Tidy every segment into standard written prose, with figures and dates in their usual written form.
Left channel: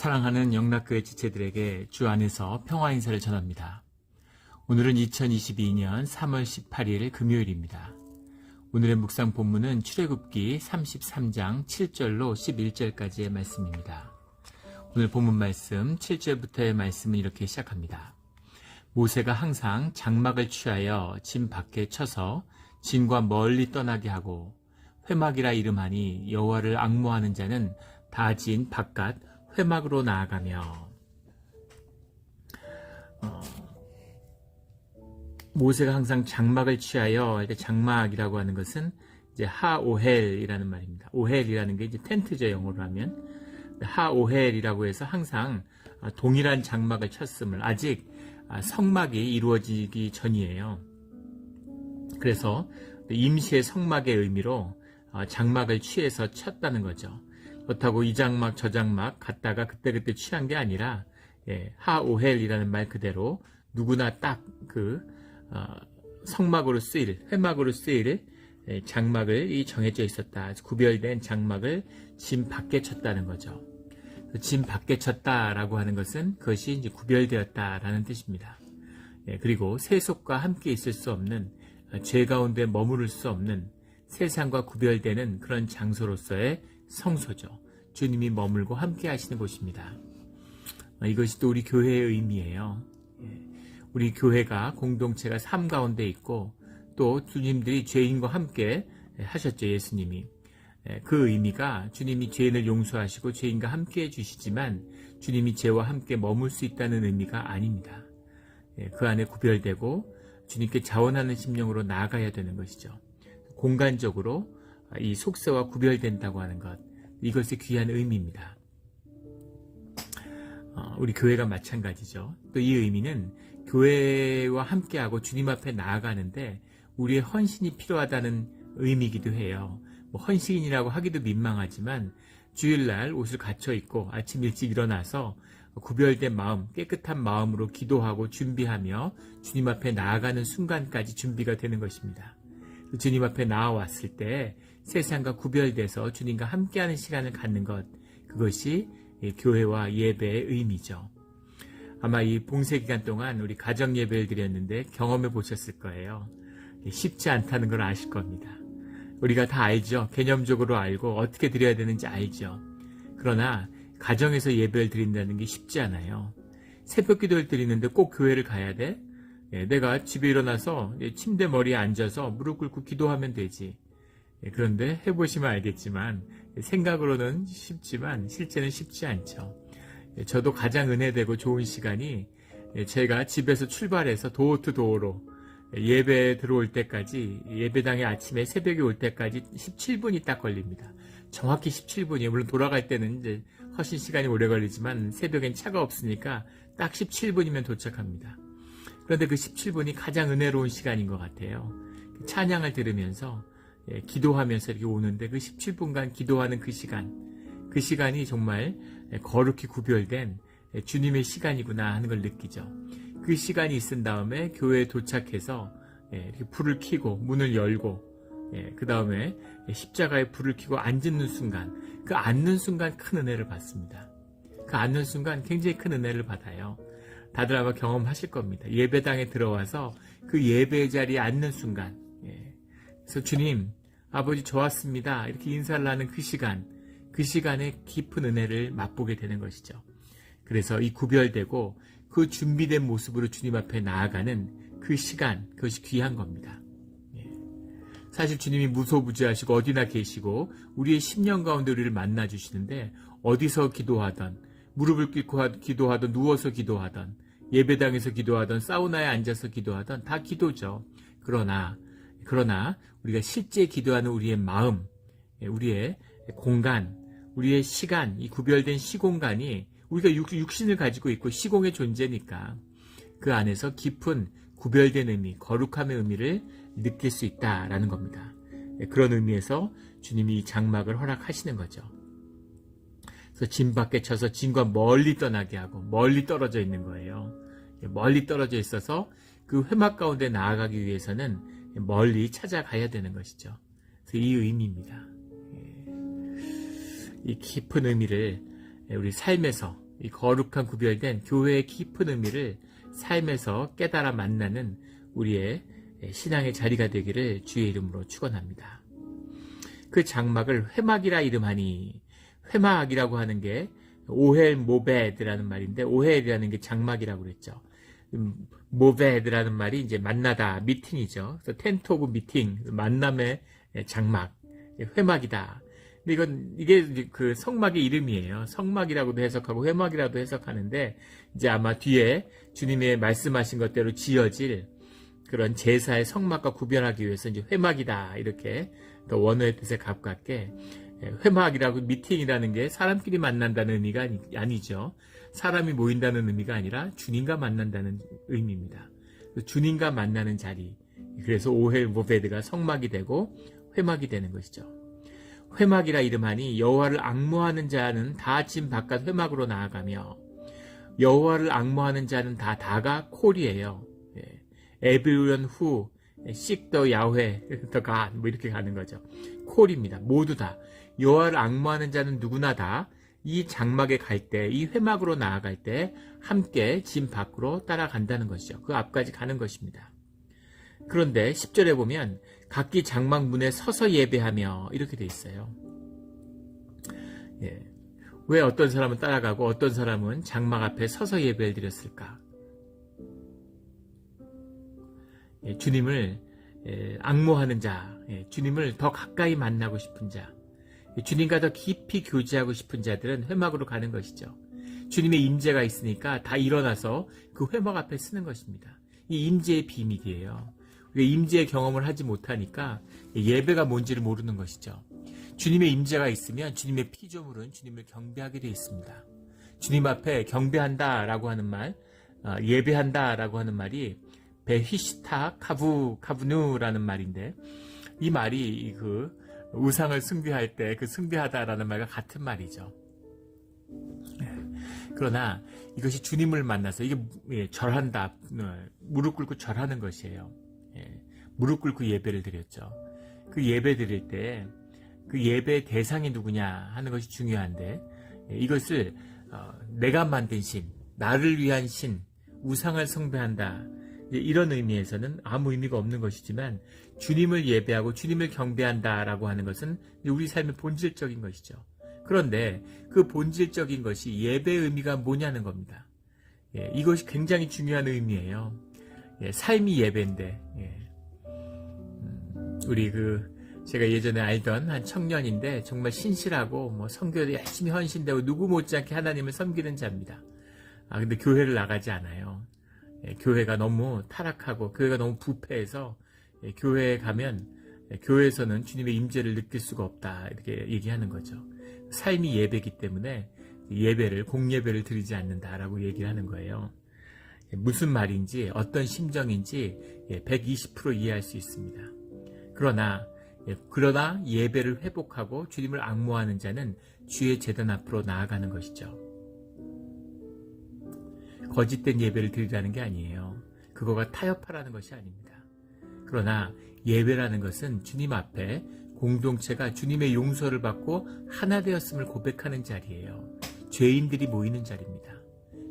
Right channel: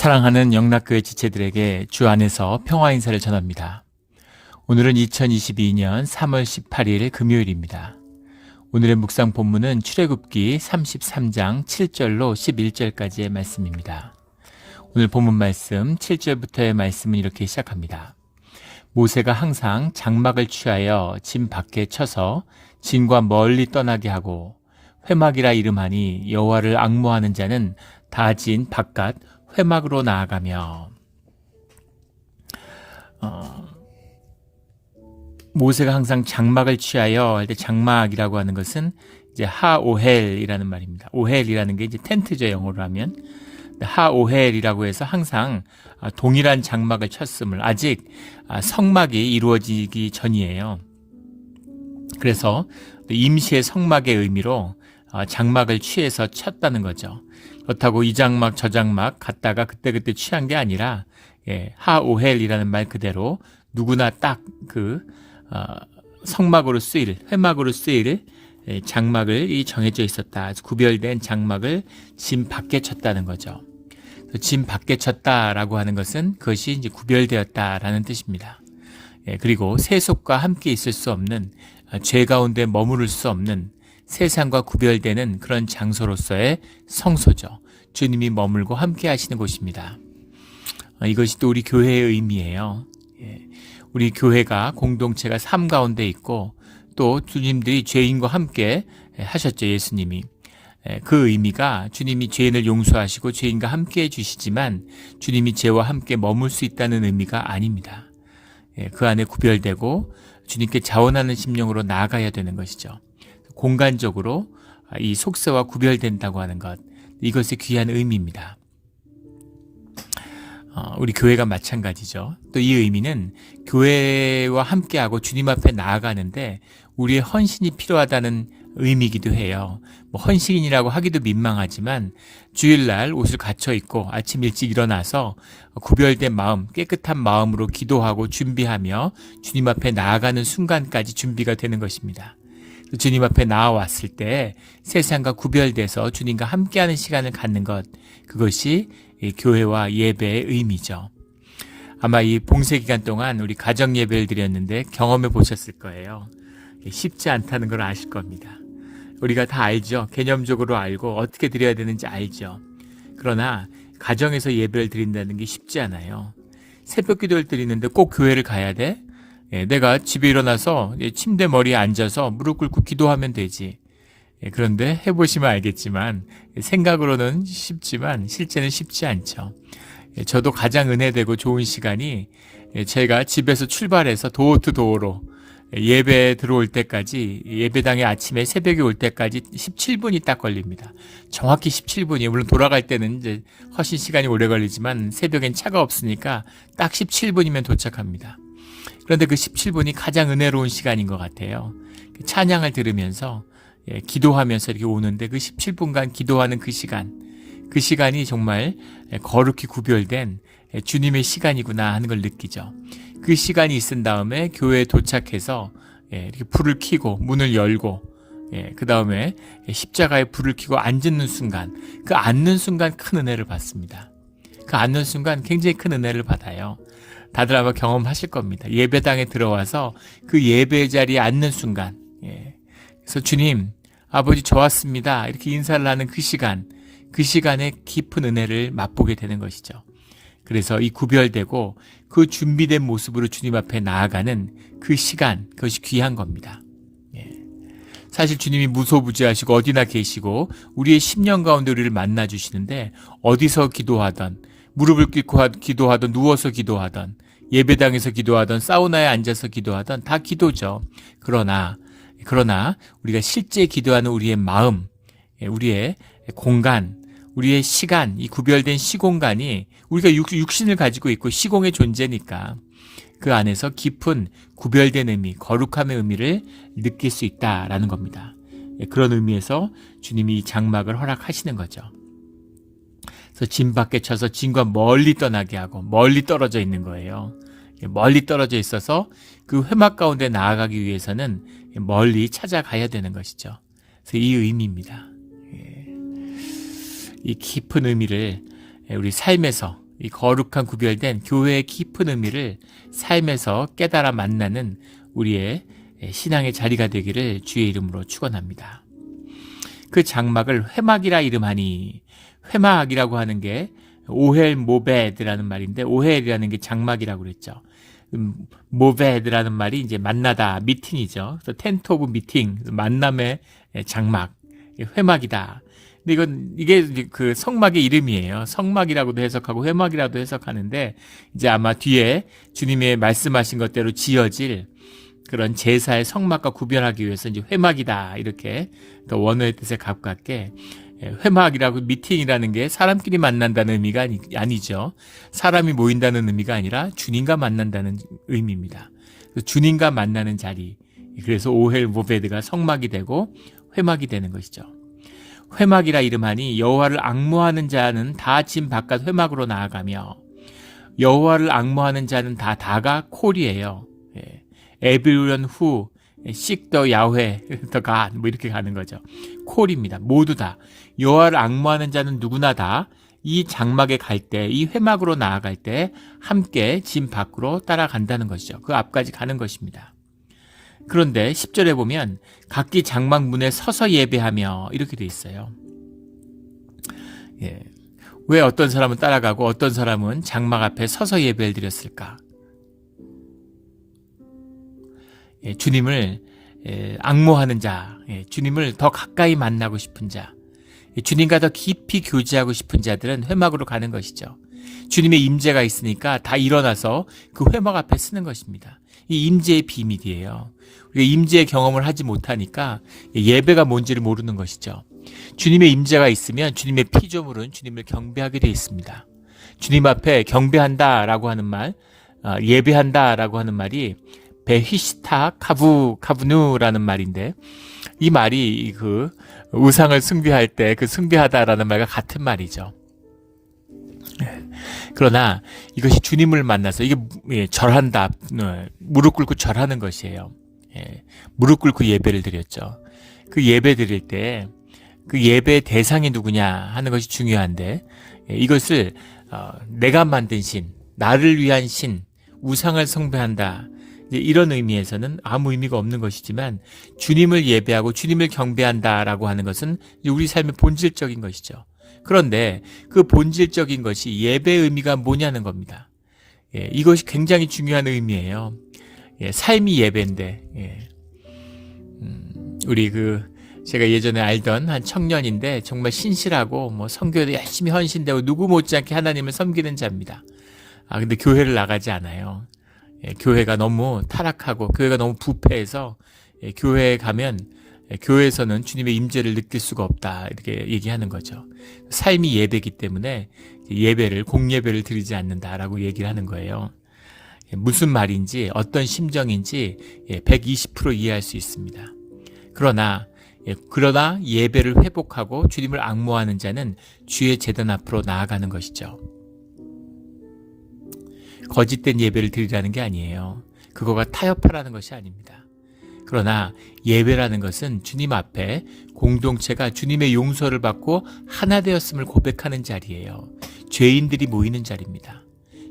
사랑하는 영락교회 지체들에게 주 안에서 평화 인사를 전합니다. 오늘은 2022년 3월 18일 금요일입니다. 오늘의 묵상 본문은 출애굽기 33장 7절로 11절까지의 말씀입니다. 오늘 본문 말씀 7절부터의 말씀은 이렇게 시작합니다. 모세가 항상 장막을 취하여 진 밖에 쳐서 진과 멀리 떠나게 하고 회막이라 이름하니 여호와를 앙모하는 자는 다 진 바깥 회막으로 나아가며. 모세가 항상 장막을 취하여 할 때 장막이라고 하는 것은 이제 하오헬이라는 말입니다. 오헬이라는 게 이제 텐트죠, 영어로 하면. 하오헬이라고 해서 항상 동일한 장막을 쳤음을, 아직 성막이 이루어지기 전이에요. 그래서 임시의 성막의 의미로 장막을 취해서 쳤다는 거죠. 그렇다고 이 장막 저 장막 갔다가 그때그때 취한 게 아니라 하오헬이라는 말 그대로 누구나 딱 그 성막으로 쓰일, 회막으로 쓰일 장막을 정해져 있었다. 구별된 장막을 진 밖에 쳤다는 거죠. 진 밖에 쳤다라고 하는 것은 그것이 이제 구별되었다라는 뜻입니다. 그리고 세속과 함께 있을 수 없는, 죄 가운데 머무를 수 없는, 세상과 구별되는 그런 장소로서의 성소죠. 주님이 머물고 함께 하시는 곳입니다. 이것이 또 우리 교회의 의미예요. 우리 교회가 공동체가 삶 가운데 있고 또 주님들이 죄인과 함께 하셨죠. 예수님이. 그 의미가 주님이 죄인을 용서하시고 죄인과 함께 해주시지만 주님이 죄와 함께 머물 수 있다는 의미가 아닙니다. 그 안에 구별되고 주님께 자원하는 심령으로 나아가야 되는 것이죠. 공간적으로 이 속세와 구별된다고 하는 것, 이것이 귀한 의미입니다. 우리 교회가 마찬가지죠. 또 이 의미는 교회와 함께하고 주님 앞에 나아가는데 우리의 헌신이 필요하다는 의미이기도 해요. 헌신이라고 하기도 민망하지만 주일날 옷을 갖춰 입고 아침 일찍 일어나서 구별된 마음, 깨끗한 마음으로 기도하고 준비하며 주님 앞에 나아가는 순간까지 준비가 되는 것입니다. 주님 앞에 나아왔을 때 세상과 구별돼서 주님과 함께하는 시간을 갖는 것, 그것이 교회와 예배의 의미죠. 아마 이 봉쇄 기간 동안 우리 가정 예배를 드렸는데 경험해 보셨을 거예요. 쉽지 않다는 걸 아실 겁니다. 우리가 다 알죠. 개념적으로 알고 어떻게 드려야 되는지 알죠. 그러나 가정에서 예배를 드린다는 게 쉽지 않아요. 새벽 기도를 드리는데 꼭 교회를 가야 돼? 내가 집에 일어나서 침대 머리에 앉아서 무릎 꿇고 기도하면 되지. 그런데 해보시면 알겠지만 생각으로는 쉽지만 실제는 쉽지 않죠. 저도 가장 은혜되고 좋은 시간이 제가 집에서 출발해서 도어 투 도어로 예배 들어올 때까지, 예배당에 아침에 새벽에 올 때까지 17분이 딱 걸립니다. 정확히 17분이, 물론 돌아갈 때는 이제 훨씬 시간이 오래 걸리지만 새벽엔 차가 없으니까 딱 17분이면 도착합니다. 그런데 그 17분이 가장 은혜로운 시간인 것 같아요. 찬양을 들으면서 기도하면서 이렇게 오는데 그 17분간 기도하는 그 시간이 정말 거룩히 구별된 주님의 시간이구나 하는 걸 느끼죠. 그 시간이 있은 다음에 교회에 도착해서 이렇게 불을 켜고 문을 열고 그 다음에 십자가에 불을 켜고 앉는 순간, 그 앉는 순간 큰 은혜를 받습니다. 그 앉는 순간 굉장히 큰 은혜를 받아요. 다들 아마 경험하실 겁니다. 예배당에 들어와서 그 예배 자리에 앉는 순간, 그래서 주님, 아버지 저 왔습니다, 이렇게 인사를 하는 그 시간에 깊은 은혜를 맛보게 되는 것이죠. 그래서 이 구별되고 그 준비된 모습으로 주님 앞에 나아가는 그 시간, 그것이 귀한 겁니다. 사실 주님이 무소부지하시고 어디나 계시고 우리의 심령 가운데 우리를 만나 주시는데, 어디서 기도하던, 무릎을 꿇고 기도하던, 누워서 기도하던, 예배당에서 기도하던, 사우나에 앉아서 기도하던 다 기도죠. 그러나 우리가 실제 기도하는 우리의 마음, 우리의 공간, 우리의 시간, 이 구별된 시공간이, 우리가 육신을 가지고 있고 시공의 존재니까 그 안에서 깊은 구별된 의미, 거룩함의 의미를 느낄 수 있다라는 겁니다. 그런 의미에서 주님이 이 장막을 허락하시는 거죠. 그래서 진 밖에 쳐서 진과 멀리 떠나게 하고, 멀리 떨어져 있는 거예요. 멀리 떨어져 있어서 그 회막 가운데 나아가기 위해서는 멀리 찾아가야 되는 것이죠. 그래서 이 의미입니다. 이 깊은 의미를 우리 삶에서 이 거룩한 구별된 교회의 깊은 의미를 삶에서 깨달아 만나는 우리의 신앙의 자리가 되기를 주의 이름으로 축원합니다. 그 장막을 회막이라 이름하니, 회막이라고 하는 게 오헬 모베드라는 말인데, 오헬이라는 게 장막이라고 그랬죠. 모베드라는 말이 이제 만나다, 미팅이죠. 그래서 텐트 오브 미팅, 만남의 장막, 회막이다. 근데 이게 그 성막의 이름이에요. 성막이라고도 해석하고 회막이라도 해석하는데, 이제 아마 뒤에 주님의 말씀하신 것대로 지어질 그런 제사의 성막과 구별하기 위해서 이제 회막이다, 이렇게 더 원어의 뜻에 가깝게, 회막이라고, 미팅이라는 게 사람끼리 만난다는 의미가 아니죠. 사람이 모인다는 의미가 아니라 주님과 만난다는 의미입니다. 주님과 만나는 자리, 그래서 오헬 모베드가 성막이 되고 회막이 되는 것이죠. 회막이라 이름하니 여호와를 앙모하는 자는 다 진 바깥 회막으로 나아가며, 여호와를 앙모하는 자는 다가 콜이에요. 에브리온 후 씩더 야훼 더 갓, 뭐 이렇게 가는 거죠. 콜입니다. 모두 다 여호와를 앙모하는 자는 누구나 다 이 장막에 갈 때, 이 회막으로 나아갈 때 함께 진 밖으로 따라간다는 것이죠. 그 앞까지 가는 것입니다. 그런데 10절에 보면 각기 장막 문에 서서 예배하며 이렇게 돼 있어요. 왜 어떤 사람은 따라가고 어떤 사람은 장막 앞에 서서 예배를 드렸을까? 주님을 앙모하는 자, 주님을 더 가까이 만나고 싶은 자, 주님과 더 깊이 교제하고 싶은 자들은 회막으로 가는 것이죠. 주님의 임재가 있으니까 다 일어나서 그 회막 앞에 쓰는 것입니다. 이 임재의 비밀이에요. 우리가 임재의 경험을 하지 못하니까 예배가 뭔지를 모르는 것이죠. 주님의 임재가 있으면 주님의 피조물은 주님을 경배하게 되어 있습니다. 주님 앞에 경배한다라고 하는 말, 예배한다라고 하는 말이 베히시타 카브누라는 말인데, 이 말이 그 우상을 숭배할 때 그 숭배하다라는 말과 같은 말이죠. 그러나 이것이 주님을 만나서 이게 절한다, 무릎 꿇고 절하는 것이에요. 무릎 꿇고 예배를 드렸죠. 그 예배 드릴 때 그 예배의 대상이 누구냐 하는 것이 중요한데, 이것을 내가 만든 신, 나를 위한 신, 우상을 숭배한다, 이런 의미에서는 아무 의미가 없는 것이지만, 주님을 예배하고 주님을 경배한다라고 하는 것은 우리 삶의 본질적인 것이죠. 그런데 그 본질적인 것이 예배의 의미가 뭐냐는 겁니다. 이것이 굉장히 중요한 의미예요. 삶이 예배인데, 우리 제가 예전에 알던 한 청년인데 정말 신실하고 뭐 선교에도 열심히 헌신되고 누구 못지않게 하나님을 섬기는 자입니다. 근데 교회를 나가지 않아요. 교회가 너무 타락하고 교회가 너무 부패해서 교회에 가면 교회에서는 주님의 임재를 느낄 수가 없다, 이렇게 얘기하는 거죠. 삶이 예배이기 때문에 예배를, 공예배를 드리지 않는다라고 얘기를 하는 거예요. 무슨 말인지 어떤 심정인지 120% 이해할 수 있습니다. 그러나 예배를 회복하고 주님을 앙모하는 자는 주의 제단 앞으로 나아가는 것이죠. 거짓된 예배를 드리라는 게 아니에요. 그거가 타협하라는 것이 아닙니다. 그러나 예배라는 것은 주님 앞에 공동체가 주님의 용서를 받고 하나 되었음을 고백하는 자리예요. 죄인들이 모이는 자리입니다.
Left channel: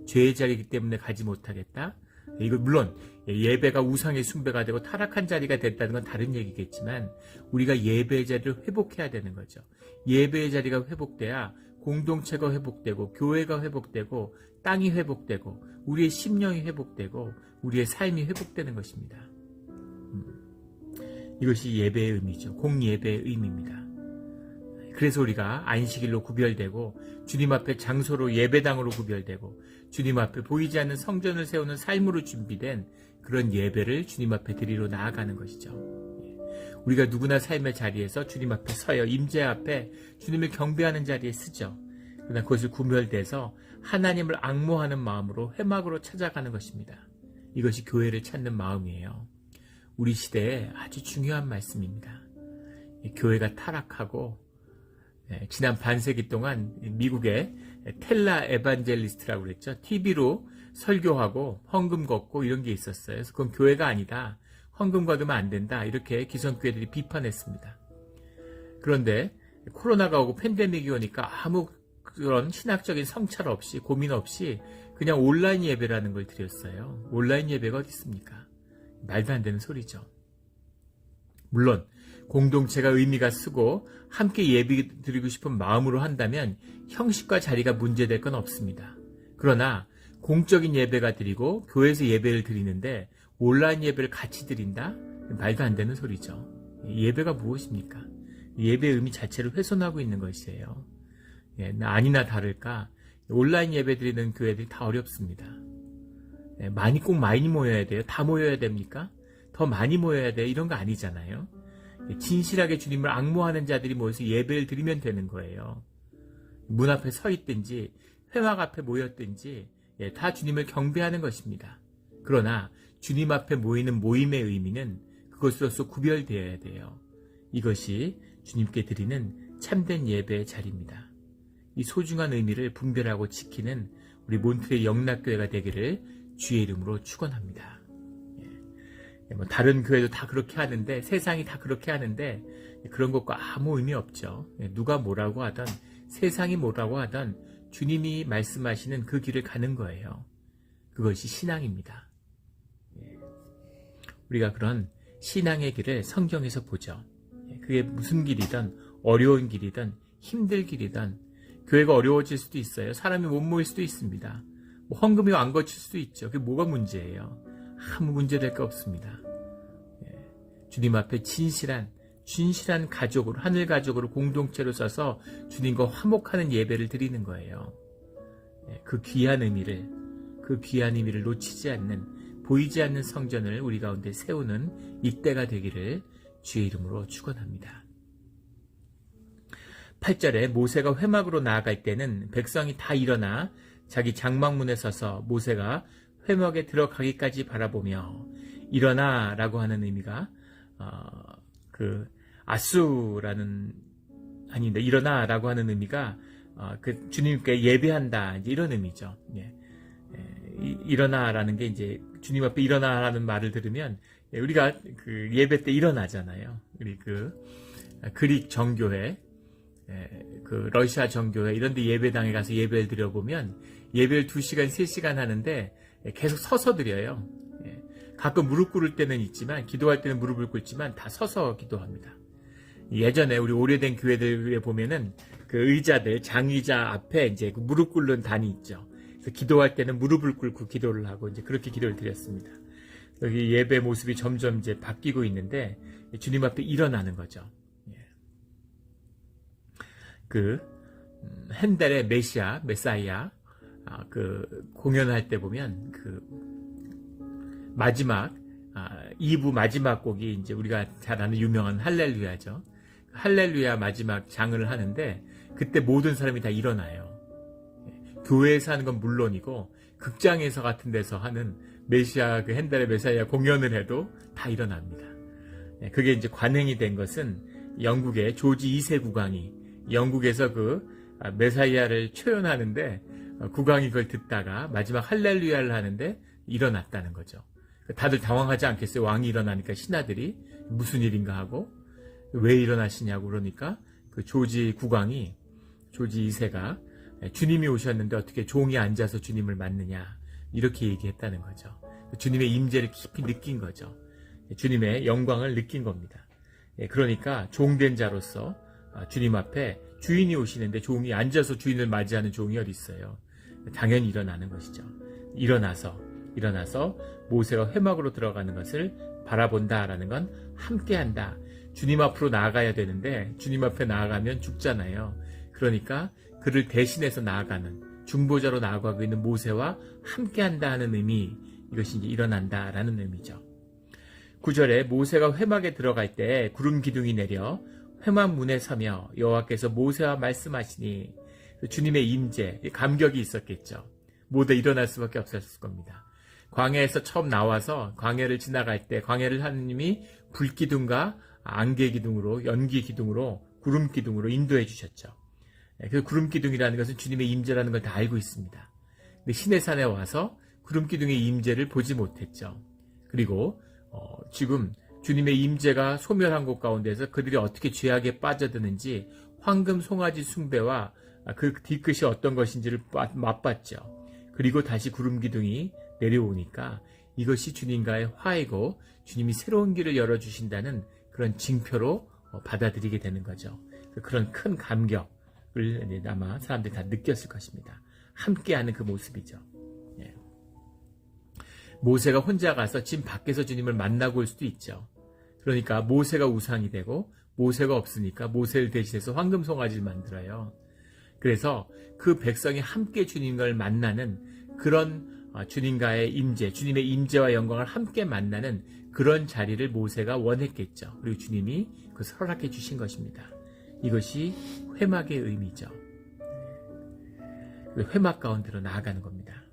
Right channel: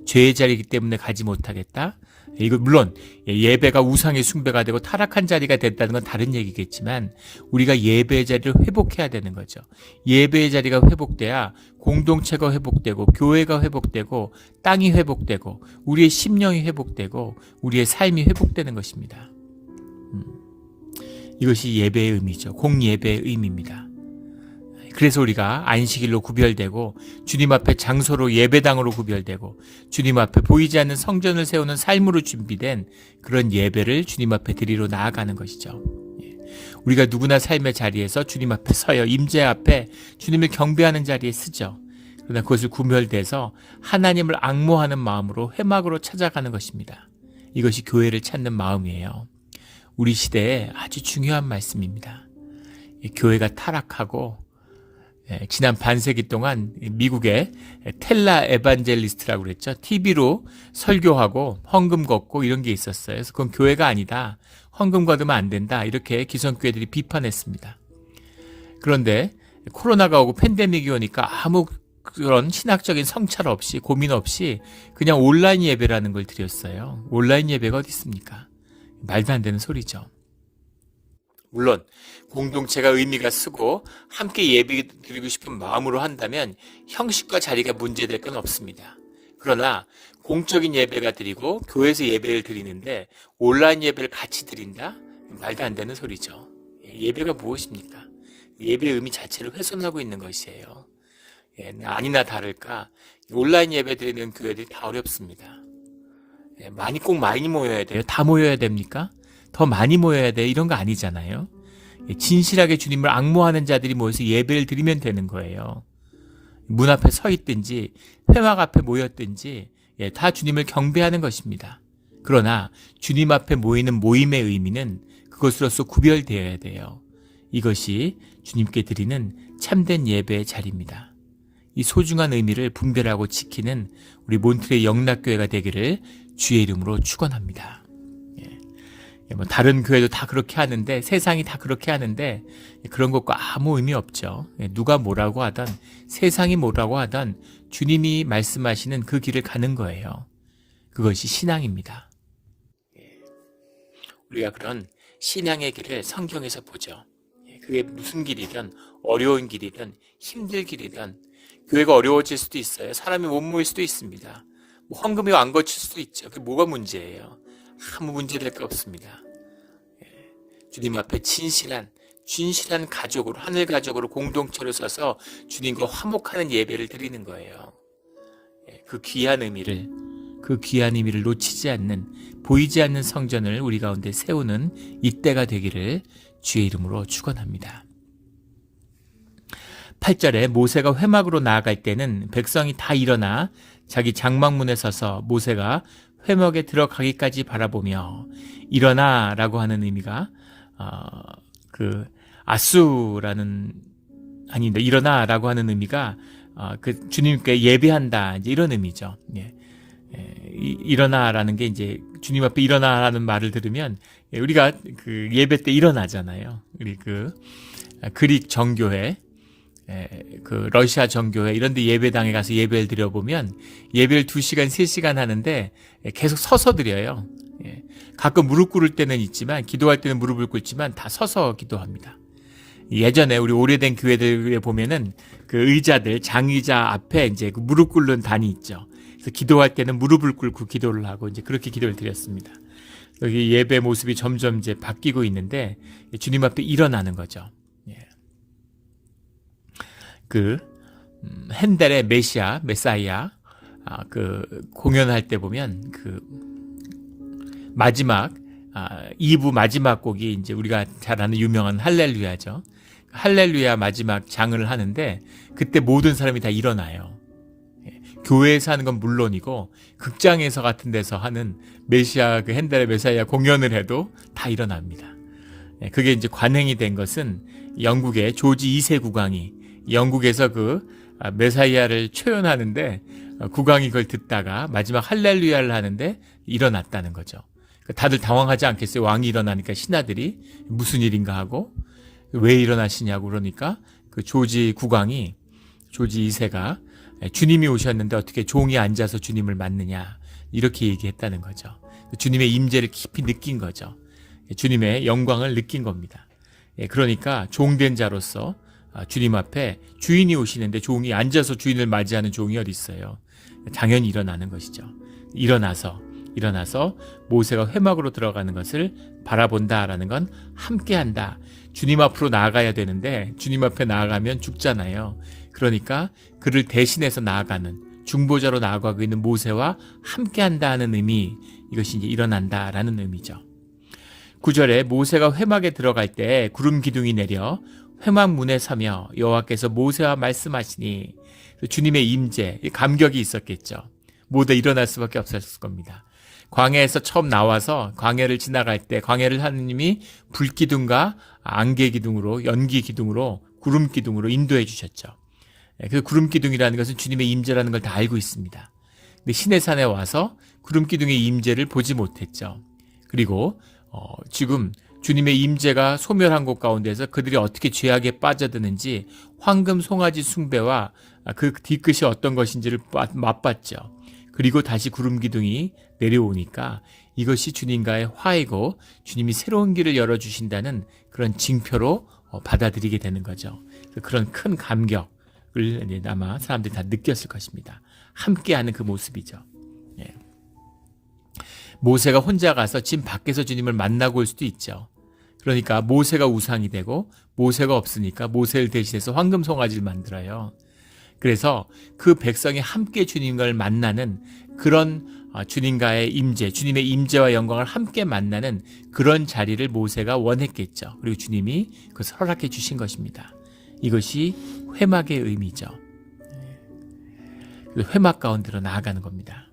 죄의 자리이기 때문에 가지 못하겠다? 이거 물론 예배가 우상의 숭배가 되고 타락한 자리가 됐다는 건 다른 얘기겠지만, 우리가 예배의 자리를 회복해야 되는 거죠. 예배의 자리가 회복돼야 공동체가 회복되고 교회가 회복되고 땅이 회복되고 우리의 심령이 회복되고 우리의 삶이 회복되는 것입니다. 이것이 예배의 의미죠. 공예배의 의미입니다. 그래서 우리가 안식일로 구별되고 주님 앞에 장소로 예배당으로 구별되고 주님 앞에 보이지 않는 성전을 세우는 삶으로 준비된 그런 예배를 주님 앞에 드리러 나아가는 것이죠. 우리가 누구나 삶의 자리에서 주님 앞에 서요, 임재 앞에 주님을 경배하는 자리에 쓰죠. 그러나 그것을 구별돼서 하나님을 앙모하는 마음으로 회막으로 찾아가는 것입니다. 이것이 교회를 찾는 마음이에요. 우리 시대에 아주 중요한 말씀입니다. 교회가 타락하고 지난 반세기 동안 미국의 텔라 에반젤리스트라고 그랬죠. TV로 설교하고 헌금 걷고 이런 게 있었어요. 그래서 그건 교회가 아니다, 헌금 걷으면 안 된다, 이렇게 기성교회들이 비판했습니다. 그런데 코로나가 오고 팬데믹이 오니까 아무 그런 신학적인 성찰 없이 고민 없이 그냥 온라인 예배라는 걸 드렸어요. 온라인 예배가 어디 있습니까? 말도 안 되는 소리죠. 물론 공동체가 의미가 쓰고 함께 예배 드리고 싶은 마음으로 한다면 형식과 자리가 문제될 건 없습니다. 그러나 공적인 예배가 드리고 교회에서 예배를 드리는데 온라인 예배를 같이 드린다? 말도 안 되는 소리죠. 예배가 무엇입니까? 예배의 의미 자체를 훼손하고 있는 것이에요. 아니나 다를까 온라인 예배 드리는 교회들이 다 어렵습니다. 꼭 많이 모여야 돼요? 다 모여야 됩니까? 더 많이 모여야 돼요? 이런 거 아니잖아요. 진실하게 주님을 앙모하는 자들이 모여서 예배를 드리면 되는 거예요. 문 앞에 서 있든지 회막 앞에 모였든지 다 주님을 경배하는 것입니다. 그러나 주님 앞에 모이는 모임의 의미는 그것으로서 구별되어야 돼요. 이것이 주님께 드리는 참된 예배의 자리입니다. 이 소중한 의미를 분별하고 지키는 우리 몬트레이 영락교회가 되기를 주의 이름으로 축원합니다. 다른 교회도 다 그렇게 하는데 세상이 다 그렇게 하는데 그런 것과 아무 의미 없죠. 누가 뭐라고 하든 세상이 뭐라고 하든 주님이 말씀하시는 그 길을 가는 거예요. 그것이 신앙입니다. 우리가 그런 신앙의 길을 성경에서 보죠. 그게 무슨 길이든 어려운 길이든 힘들 길이든 교회가 어려워질 수도 있어요. 사람이 못 모일 수도 있습니다. 헌금이 안 거칠 수도 있죠. 그게 뭐가 문제예요? 아무 문제될 거 없습니다. 주님 앞에 진실한 가족으로 하늘 가족으로 공동체로 서서 주님과 화목하는 예배를 드리는 거예요. 그 귀한 의미를 놓치지 않는 보이지 않는 성전을 우리 가운데 세우는 이때가 되기를 주의 이름으로 축원합니다. 8절에 모세가 회막으로 나아갈 때는 백성이 다 일어나 자기 장막문에 서서 모세가 회막에 들어가기까지 바라보며 일어나라고 하는 의미가 일어나라고 하는 의미가 그 주님께 예배한다 이제 이런 의미죠. 일어나라는 게 이제 주님 앞에 일어나라는 말을 들으면 우리가 그 예배 때 일어나잖아요. 우리 그 그릭 정교회, 그 러시아 정교회 이런 데 예배당에 가서 예배를 드려보면 예배를 2시간, 3시간 하는데 계속 서서 드려요. 가끔 무릎 꿇을 때는 있지만 기도할 때는 무릎을 꿇지만 다 서서 기도합니다. 예전에 우리 오래된 교회들에 보면은 그 의자들 장의자 앞에 이제 그 무릎 꿇는 단이 있죠. 그래서 기도할 때는 무릎을 꿇고 기도를 하고 이제 그렇게 기도를 드렸습니다. 여기 예배 모습이 점점 이제 바뀌고 있는데 주님 앞에 일어나는 거죠. 그 핸델의 메사이아 그 공연할 때 보면 그 마지막 2부 마지막 곡이 이제 우리가 잘 아는 유명한 할렐루야죠. 할렐루야 마지막 장을 하는데 그때 모든 사람이 다 일어나요. 교회에서 하는 건 물론이고 극장에서 같은 데서 하는 메시아 그 핸델의 메사이아 공연을 해도 다 일어납니다. 그게 이제 관행이 된 것은 영국의 조지 2세 국왕이 영국에서 그 메사이아를 초연하는데 국왕이 그걸 듣다가 마지막 할렐루야를 하는데 일어났다는 거죠. 다들 당황하지 않겠어요? 왕이 일어나니까 신하들이 무슨 일인가 하고 왜 일어나시냐고 그러니까 그 조지 국왕이 조지 2세가 주님이 오셨는데 어떻게 종이 앉아서 주님을 맞느냐 이렇게 얘기했다는 거죠. 주님의 임재를 깊이 느낀 거죠. 주님의 영광을 느낀 겁니다. 그러니까 종된 자로서 주님 앞에 주인이 오시는데 종이 앉아서 주인을 맞이하는 종이 어디 있어요? 당연히 일어나는 것이죠. 일어나서 모세가 회막으로 들어가는 것을 바라본다라는 건 함께한다. 주님 앞으로 나아가야 되는데 주님 앞에 나아가면 죽잖아요. 그러니까 그를 대신해서 나아가는 중보자로 나아가고 있는 모세와 함께한다 하는 의미, 이것이 이제 일어난다라는 의미죠. 9절에 모세가 회막에 들어갈 때 구름 기둥이 내려 회막 문에 서며 여호와께서 모세와 말씀하시니 주님의 임재, 감격이 있었겠죠. 모두 일어날 수밖에 없었을 겁니다. 광야에서 처음 나와서 광야를 지나갈 때 광야를 하느님이 불기둥과 안개기둥으로 연기기둥으로 구름기둥으로 인도해 주셨죠. 그 구름기둥이라는 것은 주님의 임재라는 걸 다 알고 있습니다. 근데 시내산에 와서 구름기둥의 임재를 보지 못했죠. 그리고 지금 주님의 임재가 소멸한 곳 가운데서 그들이 어떻게 죄악에 빠져드는지 황금 송아지 숭배와 그 뒤끝이 어떤 것인지를 맛봤죠. 그리고 다시 구름 기둥이 내려오니까 이것이 주님과의 화해고 주님이 새로운 길을 열어주신다는 그런 징표로 받아들이게 되는 거죠. 그런 큰 감격을 아마 사람들이 다 느꼈을 것입니다. 함께하는 그 모습이죠. 예. 모세가 혼자 가서 집 밖에서 주님을 만나고 올 수도 있죠. 그러니까 모세가 우상이 되고 모세가 없으니까 모세를 대신해서 황금 송아지를 만들어요. 그래서 그 백성이 함께 주님을 만나는 그런 주님과의 임재, 주님의 임재와 영광을 함께 만나는 그런 자리를 모세가 원했겠죠. 그리고 주님이 그것을 허락해 주신 것입니다. 이것이 회막의 의미죠. 회막 가운데로 나아가는 겁니다.